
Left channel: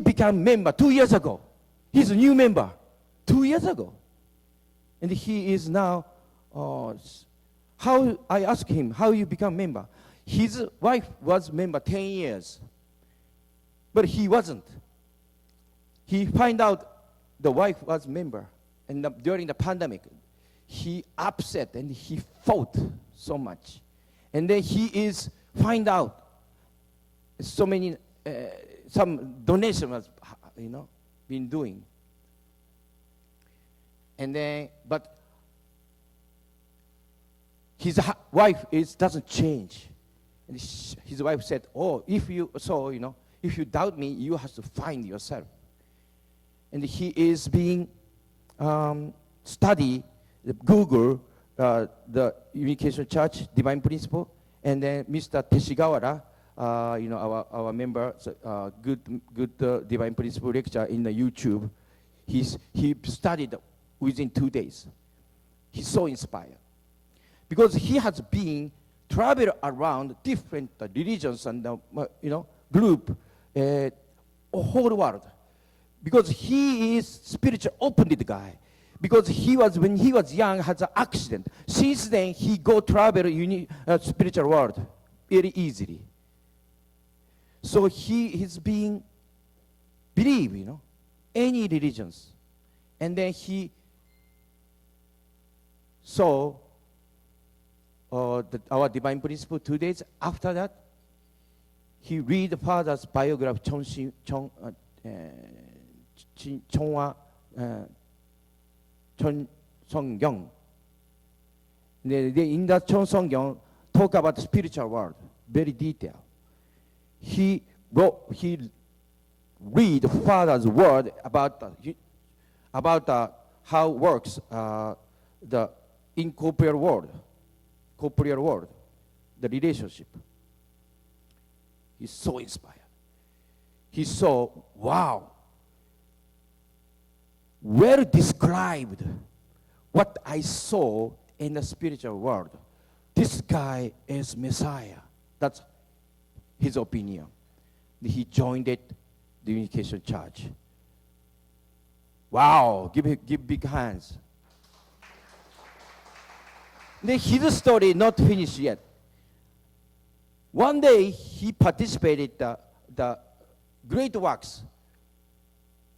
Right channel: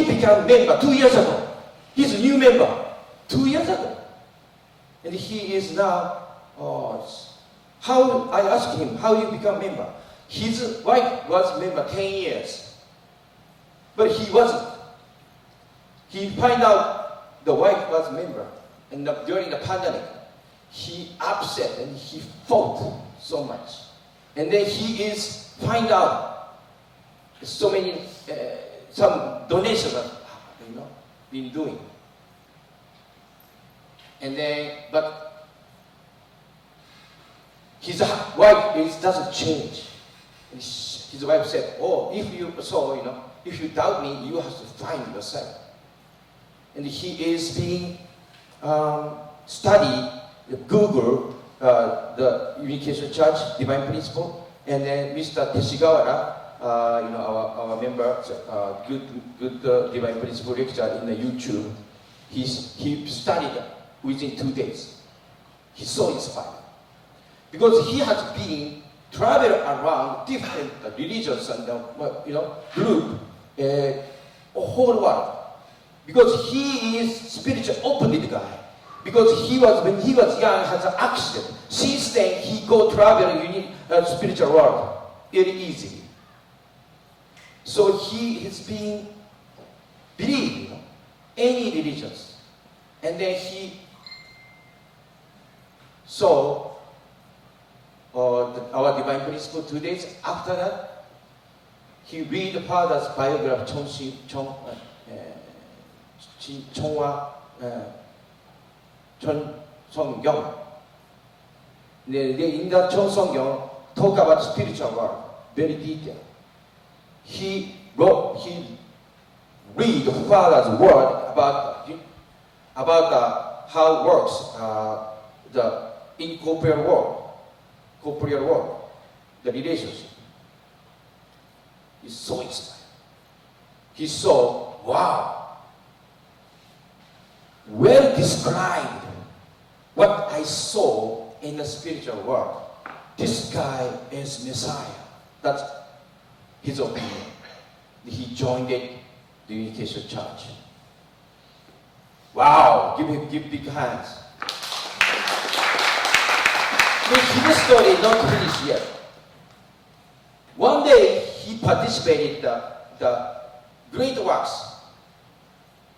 became member 2 years ago. He's a new member 2 years ago. And he is now, I asked him, how you become member? His wife was member 10 years. But he wasn't. He find out the wife was member. And during the pandemic, he upset and he fought so much. And then he is find out so many, some donations been doing. And then, but his wife doesn't change. And his wife said, if you doubt me, you have to find yourself. And he is being study the Google, the Unification Church Divine Principle, and then Mr. Teshigawara, our member, good Divine Principle lecture in the YouTube. He studied within 2 days. He's so inspired because he has been travel around different religions and group, whole world. Because he is spiritual open-minded guy. Because when he was young, has an accident. Since then, he go travel spiritual world very easily. So he is being believe, any religions. And then he saw our divine principle 2 days. After that, he read the father's biography, CheonShim. In that CheonShim, talk about spiritual world, very detailed. He read the father's word about how it works the incorporeal world, the relationship. He's so excited. He saw, wow, well described what I saw in the spiritual world. This guy is Messiah. That's his opinion. He joined the Unification Church. Wow, give big hands. But his story is not finished yet. One day he participated in the great works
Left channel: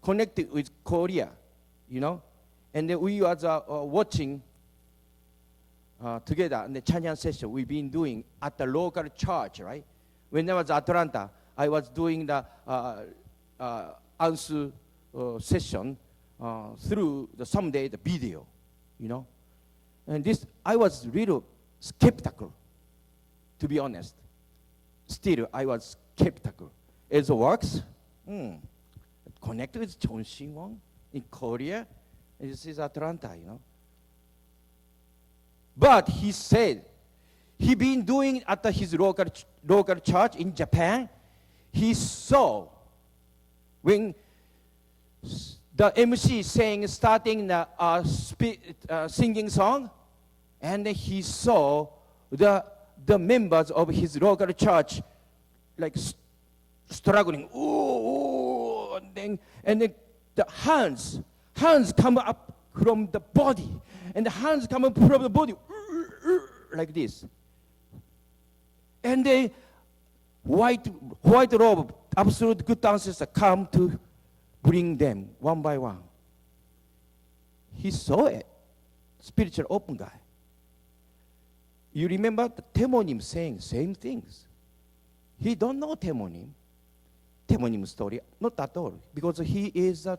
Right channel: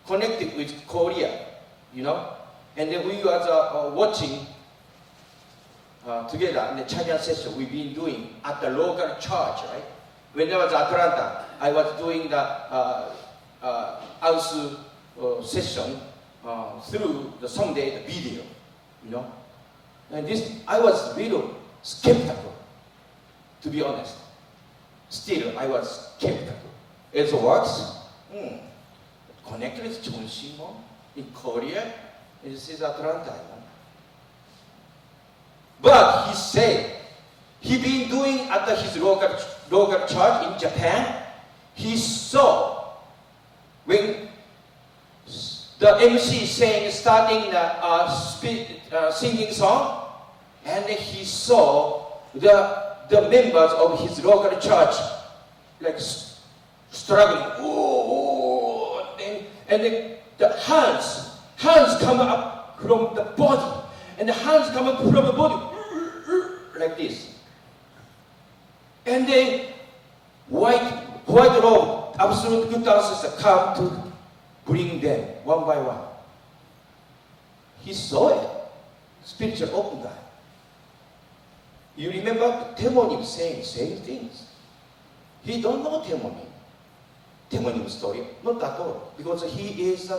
connected with Korea, and then we was watching together in the Chinese session we've been doing at the local church, right? When I was at Atlanta, I was doing the house session through the Sunday the video, And this, I was really skeptical, to be honest. Still, I was skeptical. It works. Connected with CheonShim in Korea. This is Atlanta, But he said, he been doing at his local church in Japan. He saw when the MC starting the singing song, and he saw the members of his local church like struggling. Ooh, and the hands come up from the body, and the hands come up from the body like this. And then white robe, absolute good dancers come to bring them one by one. He saw it. Spiritual open guy. You remember Temonim saying same things. He don't know Temonim story, not at all, because he is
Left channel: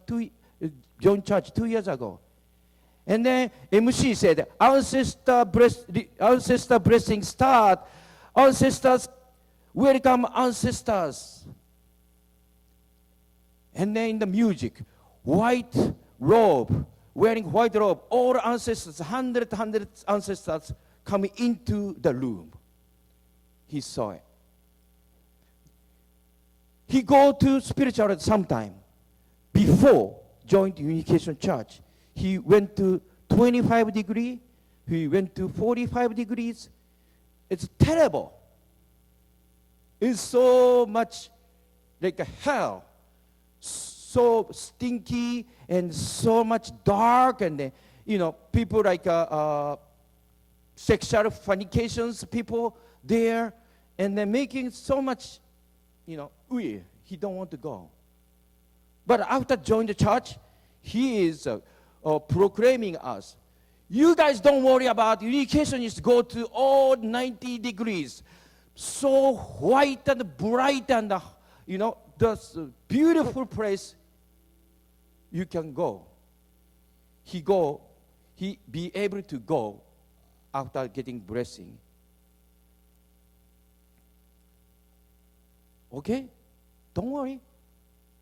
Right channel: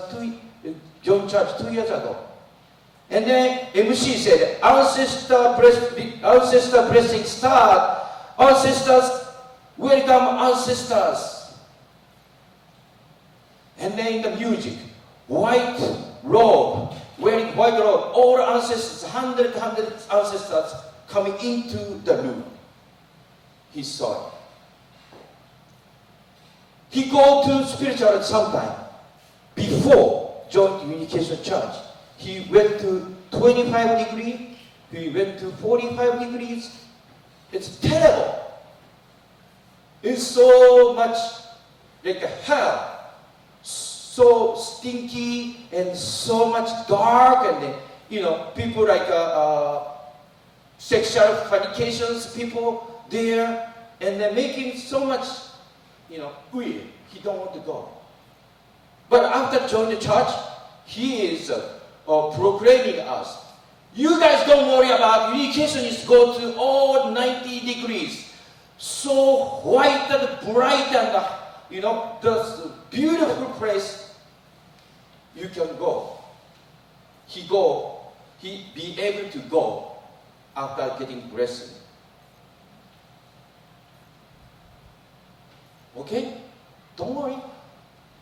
joined church 2 years ago. And then MC said, ancestor blessing start. Ancestors, welcome ancestors. And then in the music, white robe, wearing white robe, all ancestors, hundred ancestors coming into the room. He saw it. He go to spiritual sometime before joining Unification Church. He went to 25 degrees, he went to 45 degrees. It's terrible. It's so much like a hell. So stinky and so much dark, and then, people like sexual fornications, people there, and they're making so much, weird. He don't want to go. But after joining the church, he is proclaiming us. You guys don't worry about unification is go to all 90 degrees. So white and bright and, the beautiful place you can go. He be able to go after getting blessing. Okay? Don't worry.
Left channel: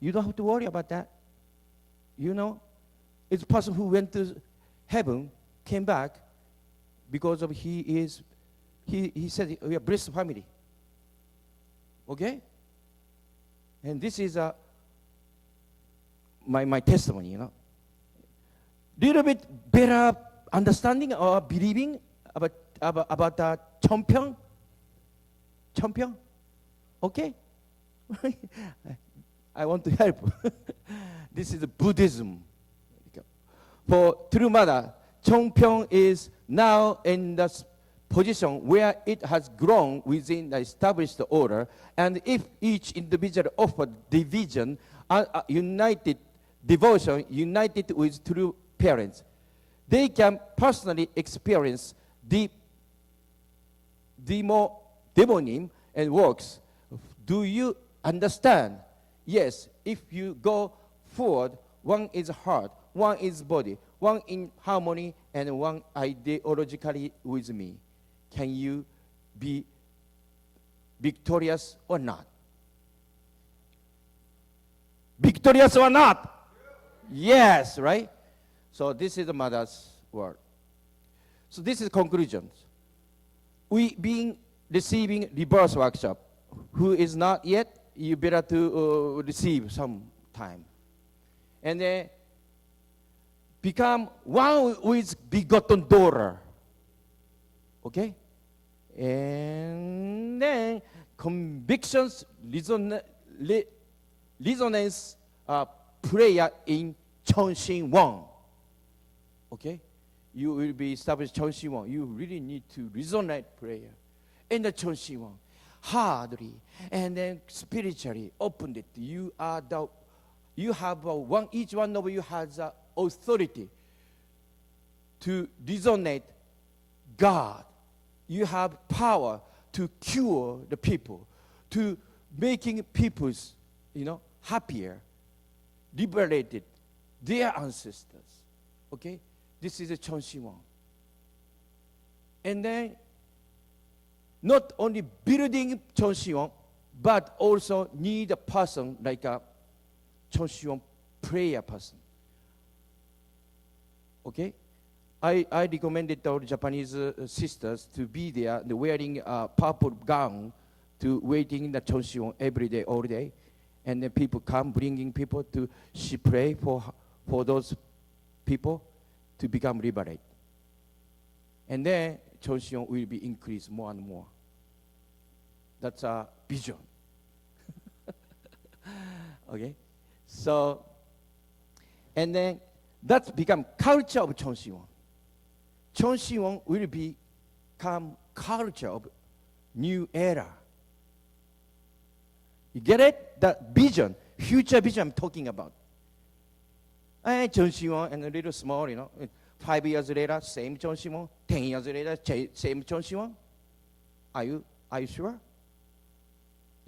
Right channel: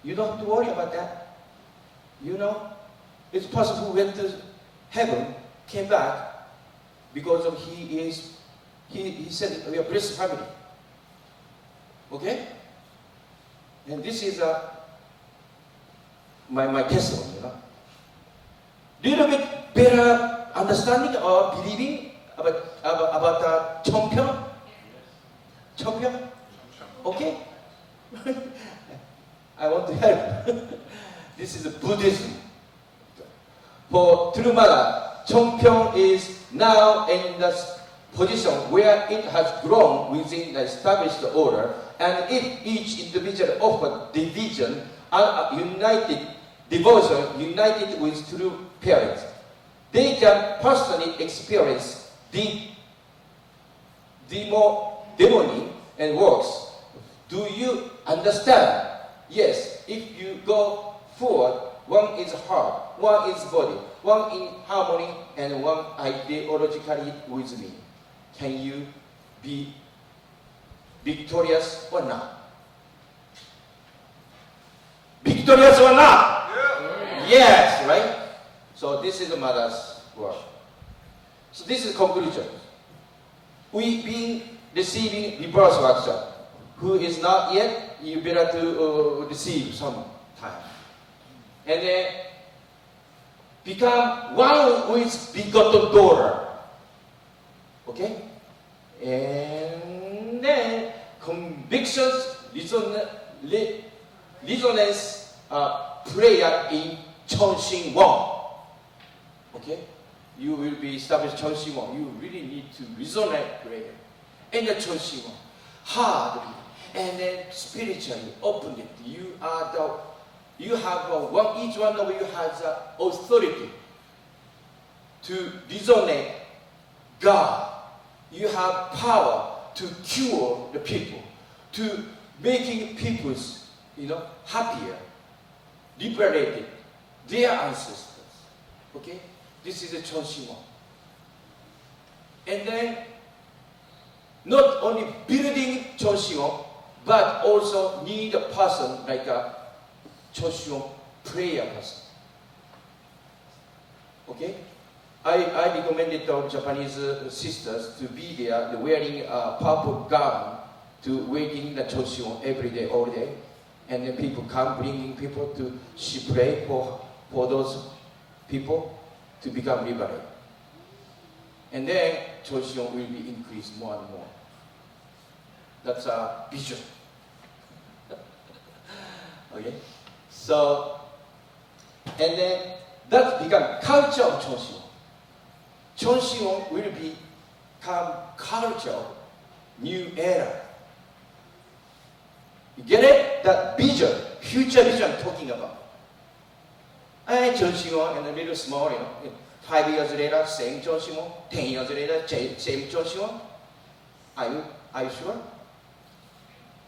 You don't have to worry about that. It's person who went to heaven, came back, because of he said we are blessed family. Okay? And this is my testimony, Little bit better understanding or believing about CheonShim? CheonShim? Okay? I want to help. This is Buddhism. For true mother, CheonShim is now in the position where it has grown within the established order, and if each individual offered division united devotion, united with true parents. They can personally experience demony and works. Do you understand? Yes, if you go forward, one is heart, one is body, one in harmony, and one ideologically with me. Can you be victorious or not? Victorious or not? Yeah. Yes, right? So this is the mother's word. So this is conclusion. We've been receiving reverse workshop. Who is not yet, you better to receive some time. And then become one with begotten daughter. Okay? And then convictions, resonance, prayer in CheonShim 1. Okay? You will be established CheonShim 1. You really need to resonate prayer in the CheonShim 1. Hardly. And then spiritually, openly, you have each one of you has authority to resonate God. You have power to cure the people, to making people, happier, liberated, their ancestors. Okay, this is a CheonShim. And then not only building CheonShim, but also need a person like a CheonShim prayer person. Okay? I recommended our Japanese sisters to be there wearing a purple gown to waiting the CheonShim every day, all day. And then people come bringing people to she pray for those people to become liberated. And then CheonShim will be increased more and more. That's a vision. Okay? So, and then that become culture of CheonShim. CheonShim will become culture, new era. You get it? That vision, future vision I'm talking about. CheonShim and a little small, 5 years later, same CheonShim. 10 years later, same CheonShim. Are you sure?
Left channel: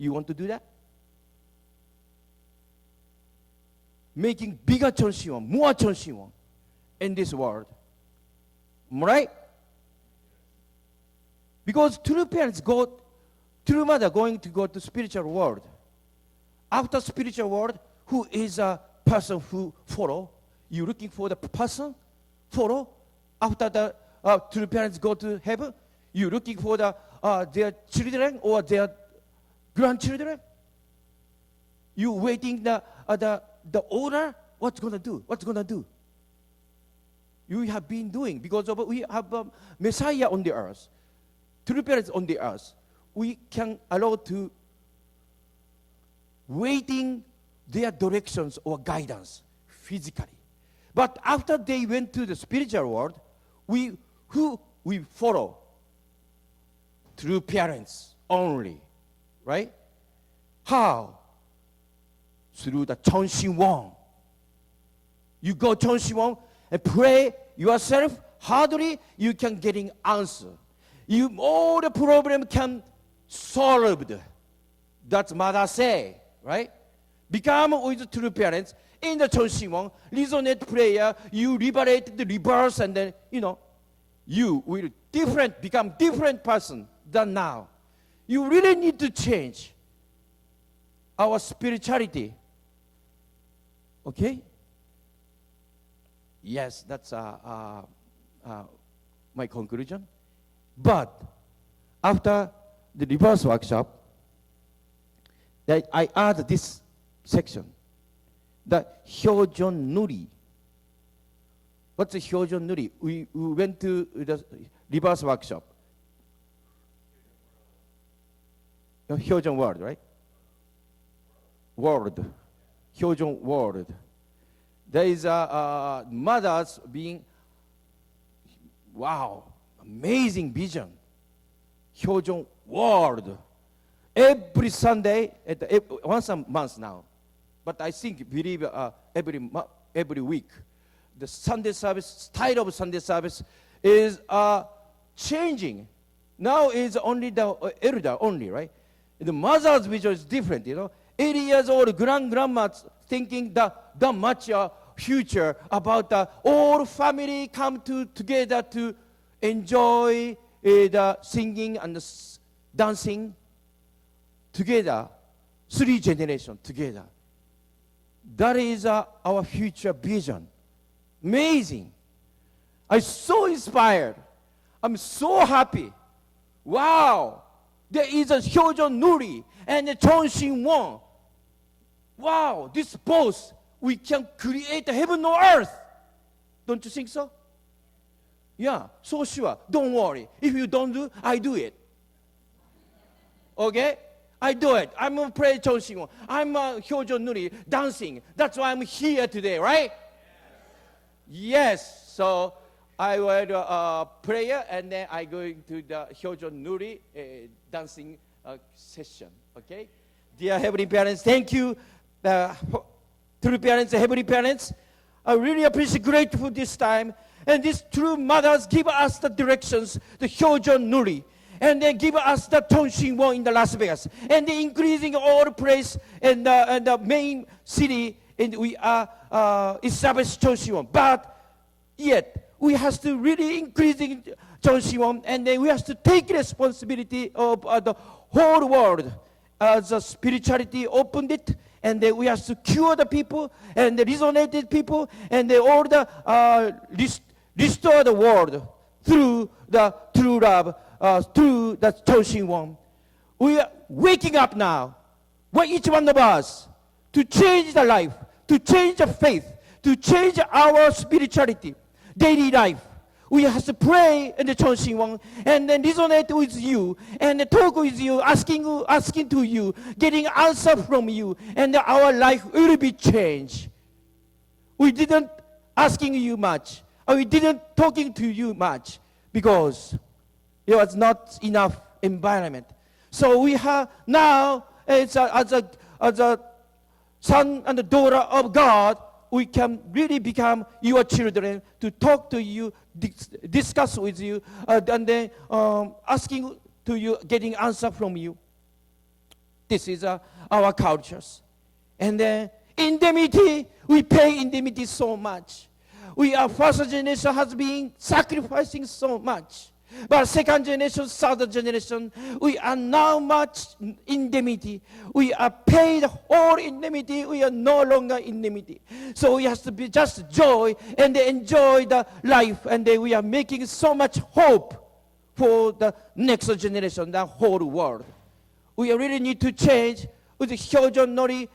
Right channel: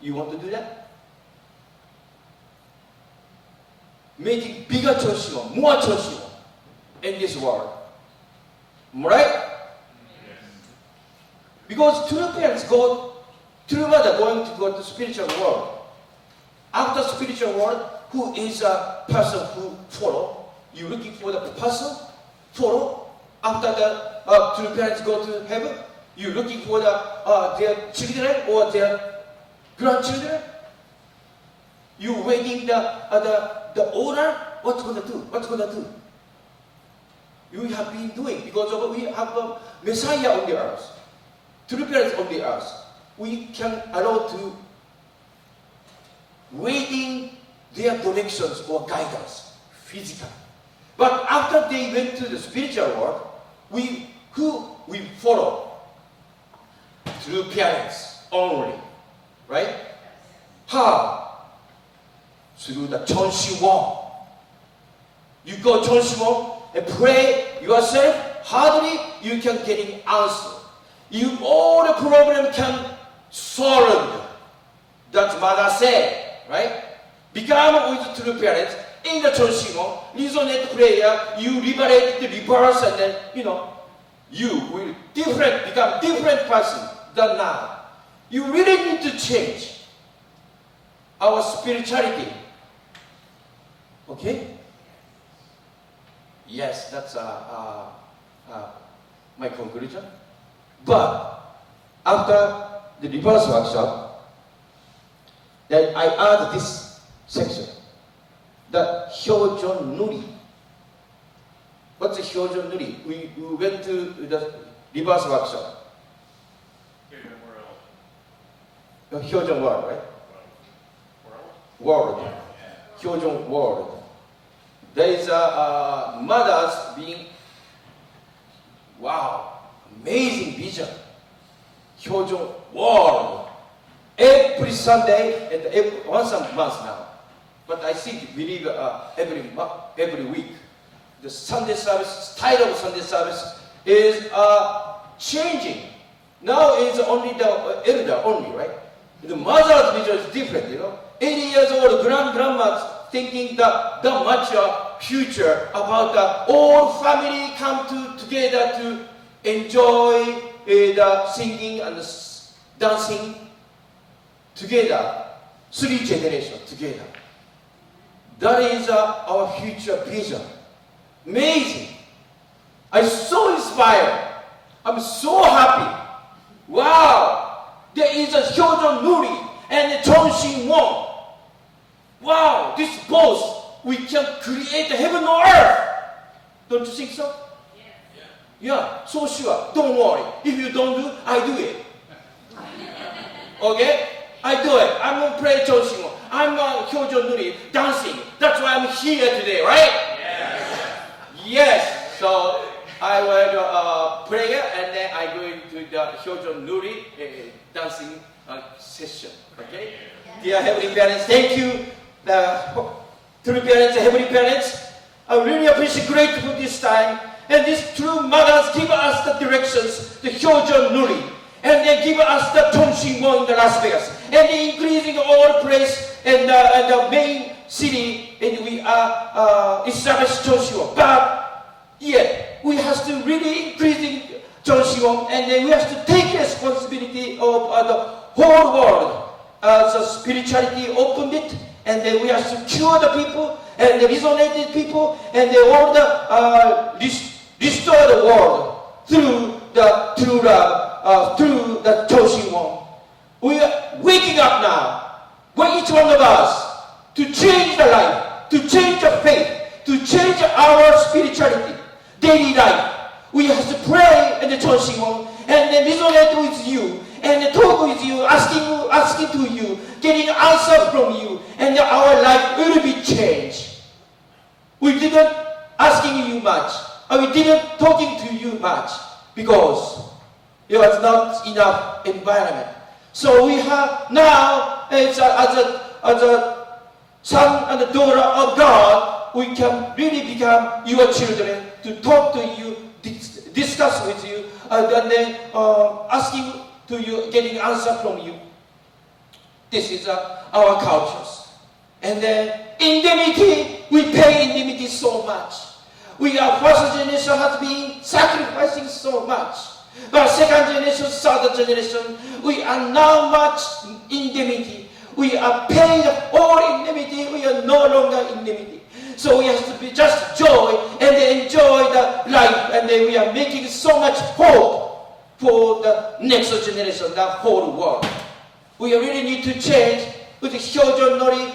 You want to do that? Making bigger CheonShim, more CheonShim in this world. Right? Yes. Because true parents true mother going to go to spiritual world. After spiritual world, who is a person who follow? You looking for the person follow. After the true parents go to heaven, you looking for their children or their grandchildren. You waiting the owner. What's gonna do? You have been doing because we have a Messiah on the earth, true parents on the earth. We can allow to waiting their directions or guidance physically. But after they went to the spiritual world, who we follow? True parents only, right? How? Through the CheonShim 1. You go CheonShim 1 and pray yourself hardly, you can get an answer. All the problem can solve. That's Mother said, right? Become with true parents in the CheonShim 1, resonate prayer, you liberate the reverse, and then you will become different person than now. You really need to change our spirituality. Okay? Yes, that's my conclusion. But after the reverse workshop, that I add this section, the Hyojon Nuri. What's the Hyojon Nuri? We went to the reverse workshop. The Hyojon world, right? World. Hyojon world. There is mothers being, amazing vision. Hyojon world. Every Sunday, once a month now, but I see believe every week. The Sunday service, style of Sunday service is changing. Now it's only the elder only, right? The mother's vision is different, 80 years old grandma thinking that much future about the all family come together to enjoy the singing and dancing together, 3 generations together. That is our future vision. Amazing. I'm so inspired. I'm so happy. Wow. There is a CheonShim and the CheonShim. Wow. This both, we can create heaven on earth. Don't you think so? Yeah, so sure. Don't worry. If you don't do, I do it. Okay? I do it. I'm going to pray CheonShim. I'm CheonShim dancing. That's why I'm here today, right? Yes. So I will pray and then I go into the CheonShim dancing session. Okay? Dear Heavenly Parents, thank you. True parents and Heavenly Parents, I really appreciate grateful this time. And these true mothers give us the directions, the CheonShim, and they give us the CheonShim in the Las Vegas, and they increasing all place in the main city, and we are established CheonShim. But yet we have to really increasing CheonShim, and then we have to take responsibility of the whole world as a spirituality opened it, and then we have to cure the people and the resonated people, and they all restore the world through the true love, through the CheonShim. We are waking up now, each one of us, to change the life, to change the faith, to change our spirituality, daily life. We have to pray in the CheonShim and then resonate with you and talk with you, asking to you, getting answers from you, and our life will be changed. We didn't asking you much, or we didn't talking to you much because there was not enough environment. So we have now, as a son and a daughter of God, we can really become your children to talk to you, discuss with you, and then asking to you, getting answer from you. This is our cultures. And then indemnity, we pay indemnity so much. We are first generation has been sacrificing so much. But second generation, third generation, we are now much indemnity. We are paying all indemnity. We are no longer indemnity. So we have to be just joy and enjoy the life. And then we are making so much hope for the next generation, the whole world. We really need to change with the CheonShim,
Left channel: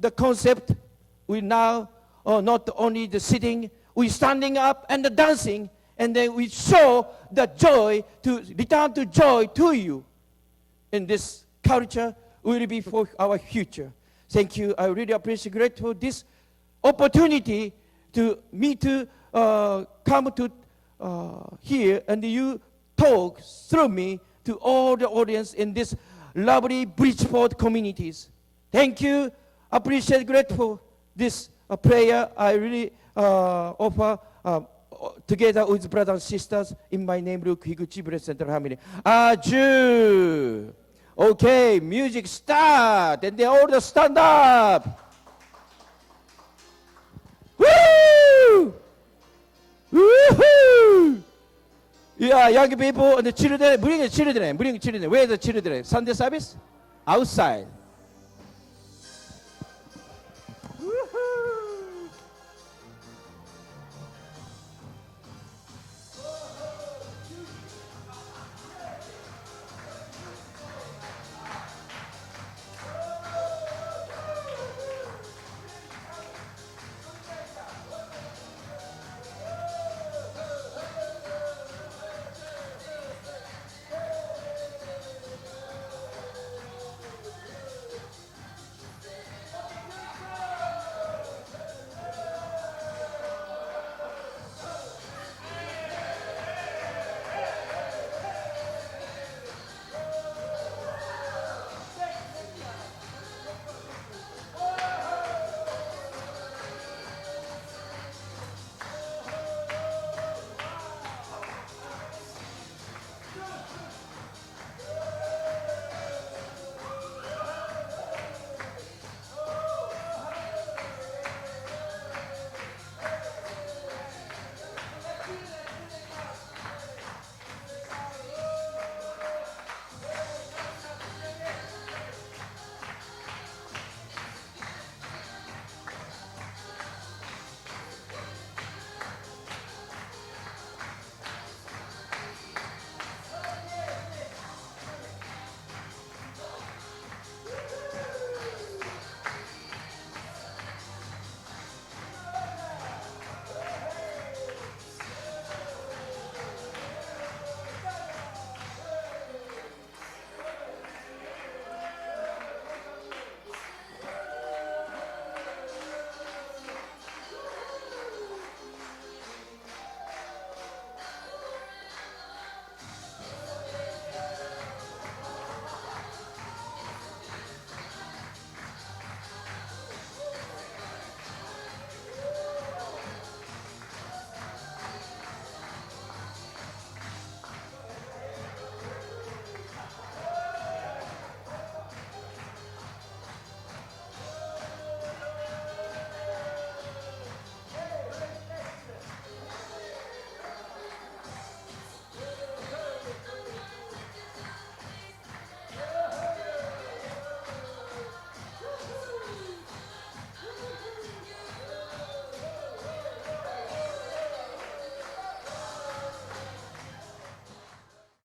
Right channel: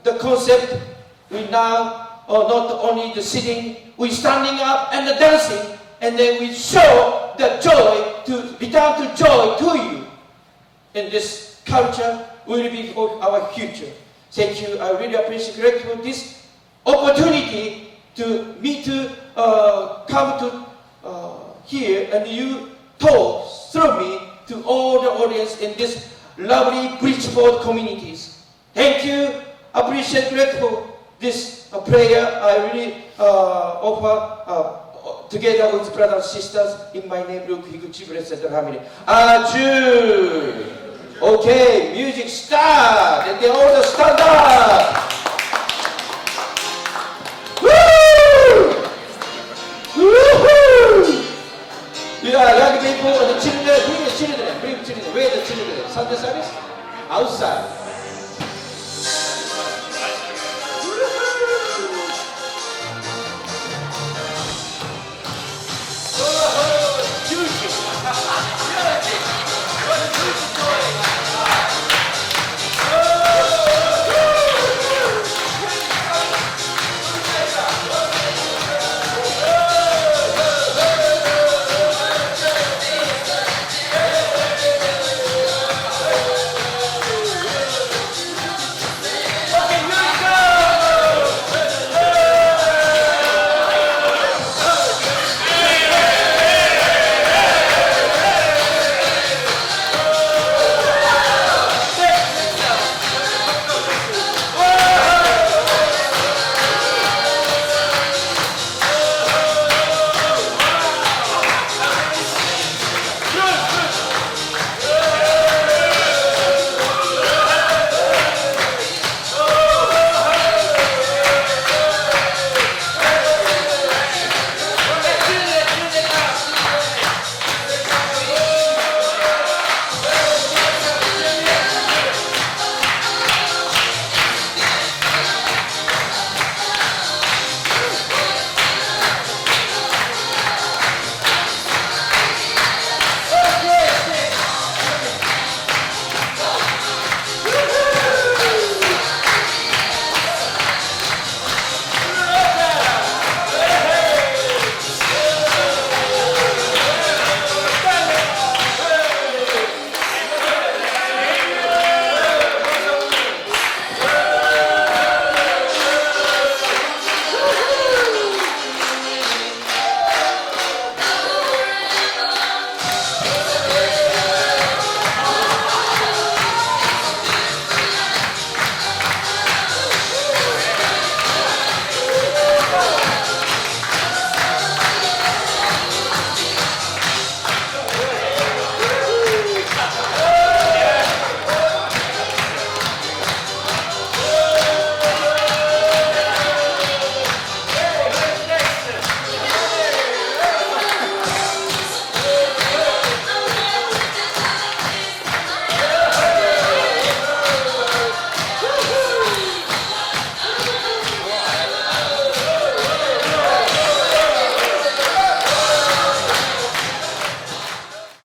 the concept. We now not only the sitting, we standing up and the dancing, and then we show the joy to return to joy to you. And this culture will be for our future. Thank you. I really appreciate grateful this opportunity to me to come to here and you talk through me to all the audience in this lovely Bridgeport communities. Thank you. Appreciate grateful this prayer. I really offer together with brothers and sisters in my name, Higuchi, blessed and happy. Aju. Okay, music start, and they all stand up. Woo! Woo-hoo! Yeah, young people, the children, bring the children. Where are the children? Sunday service? Outside.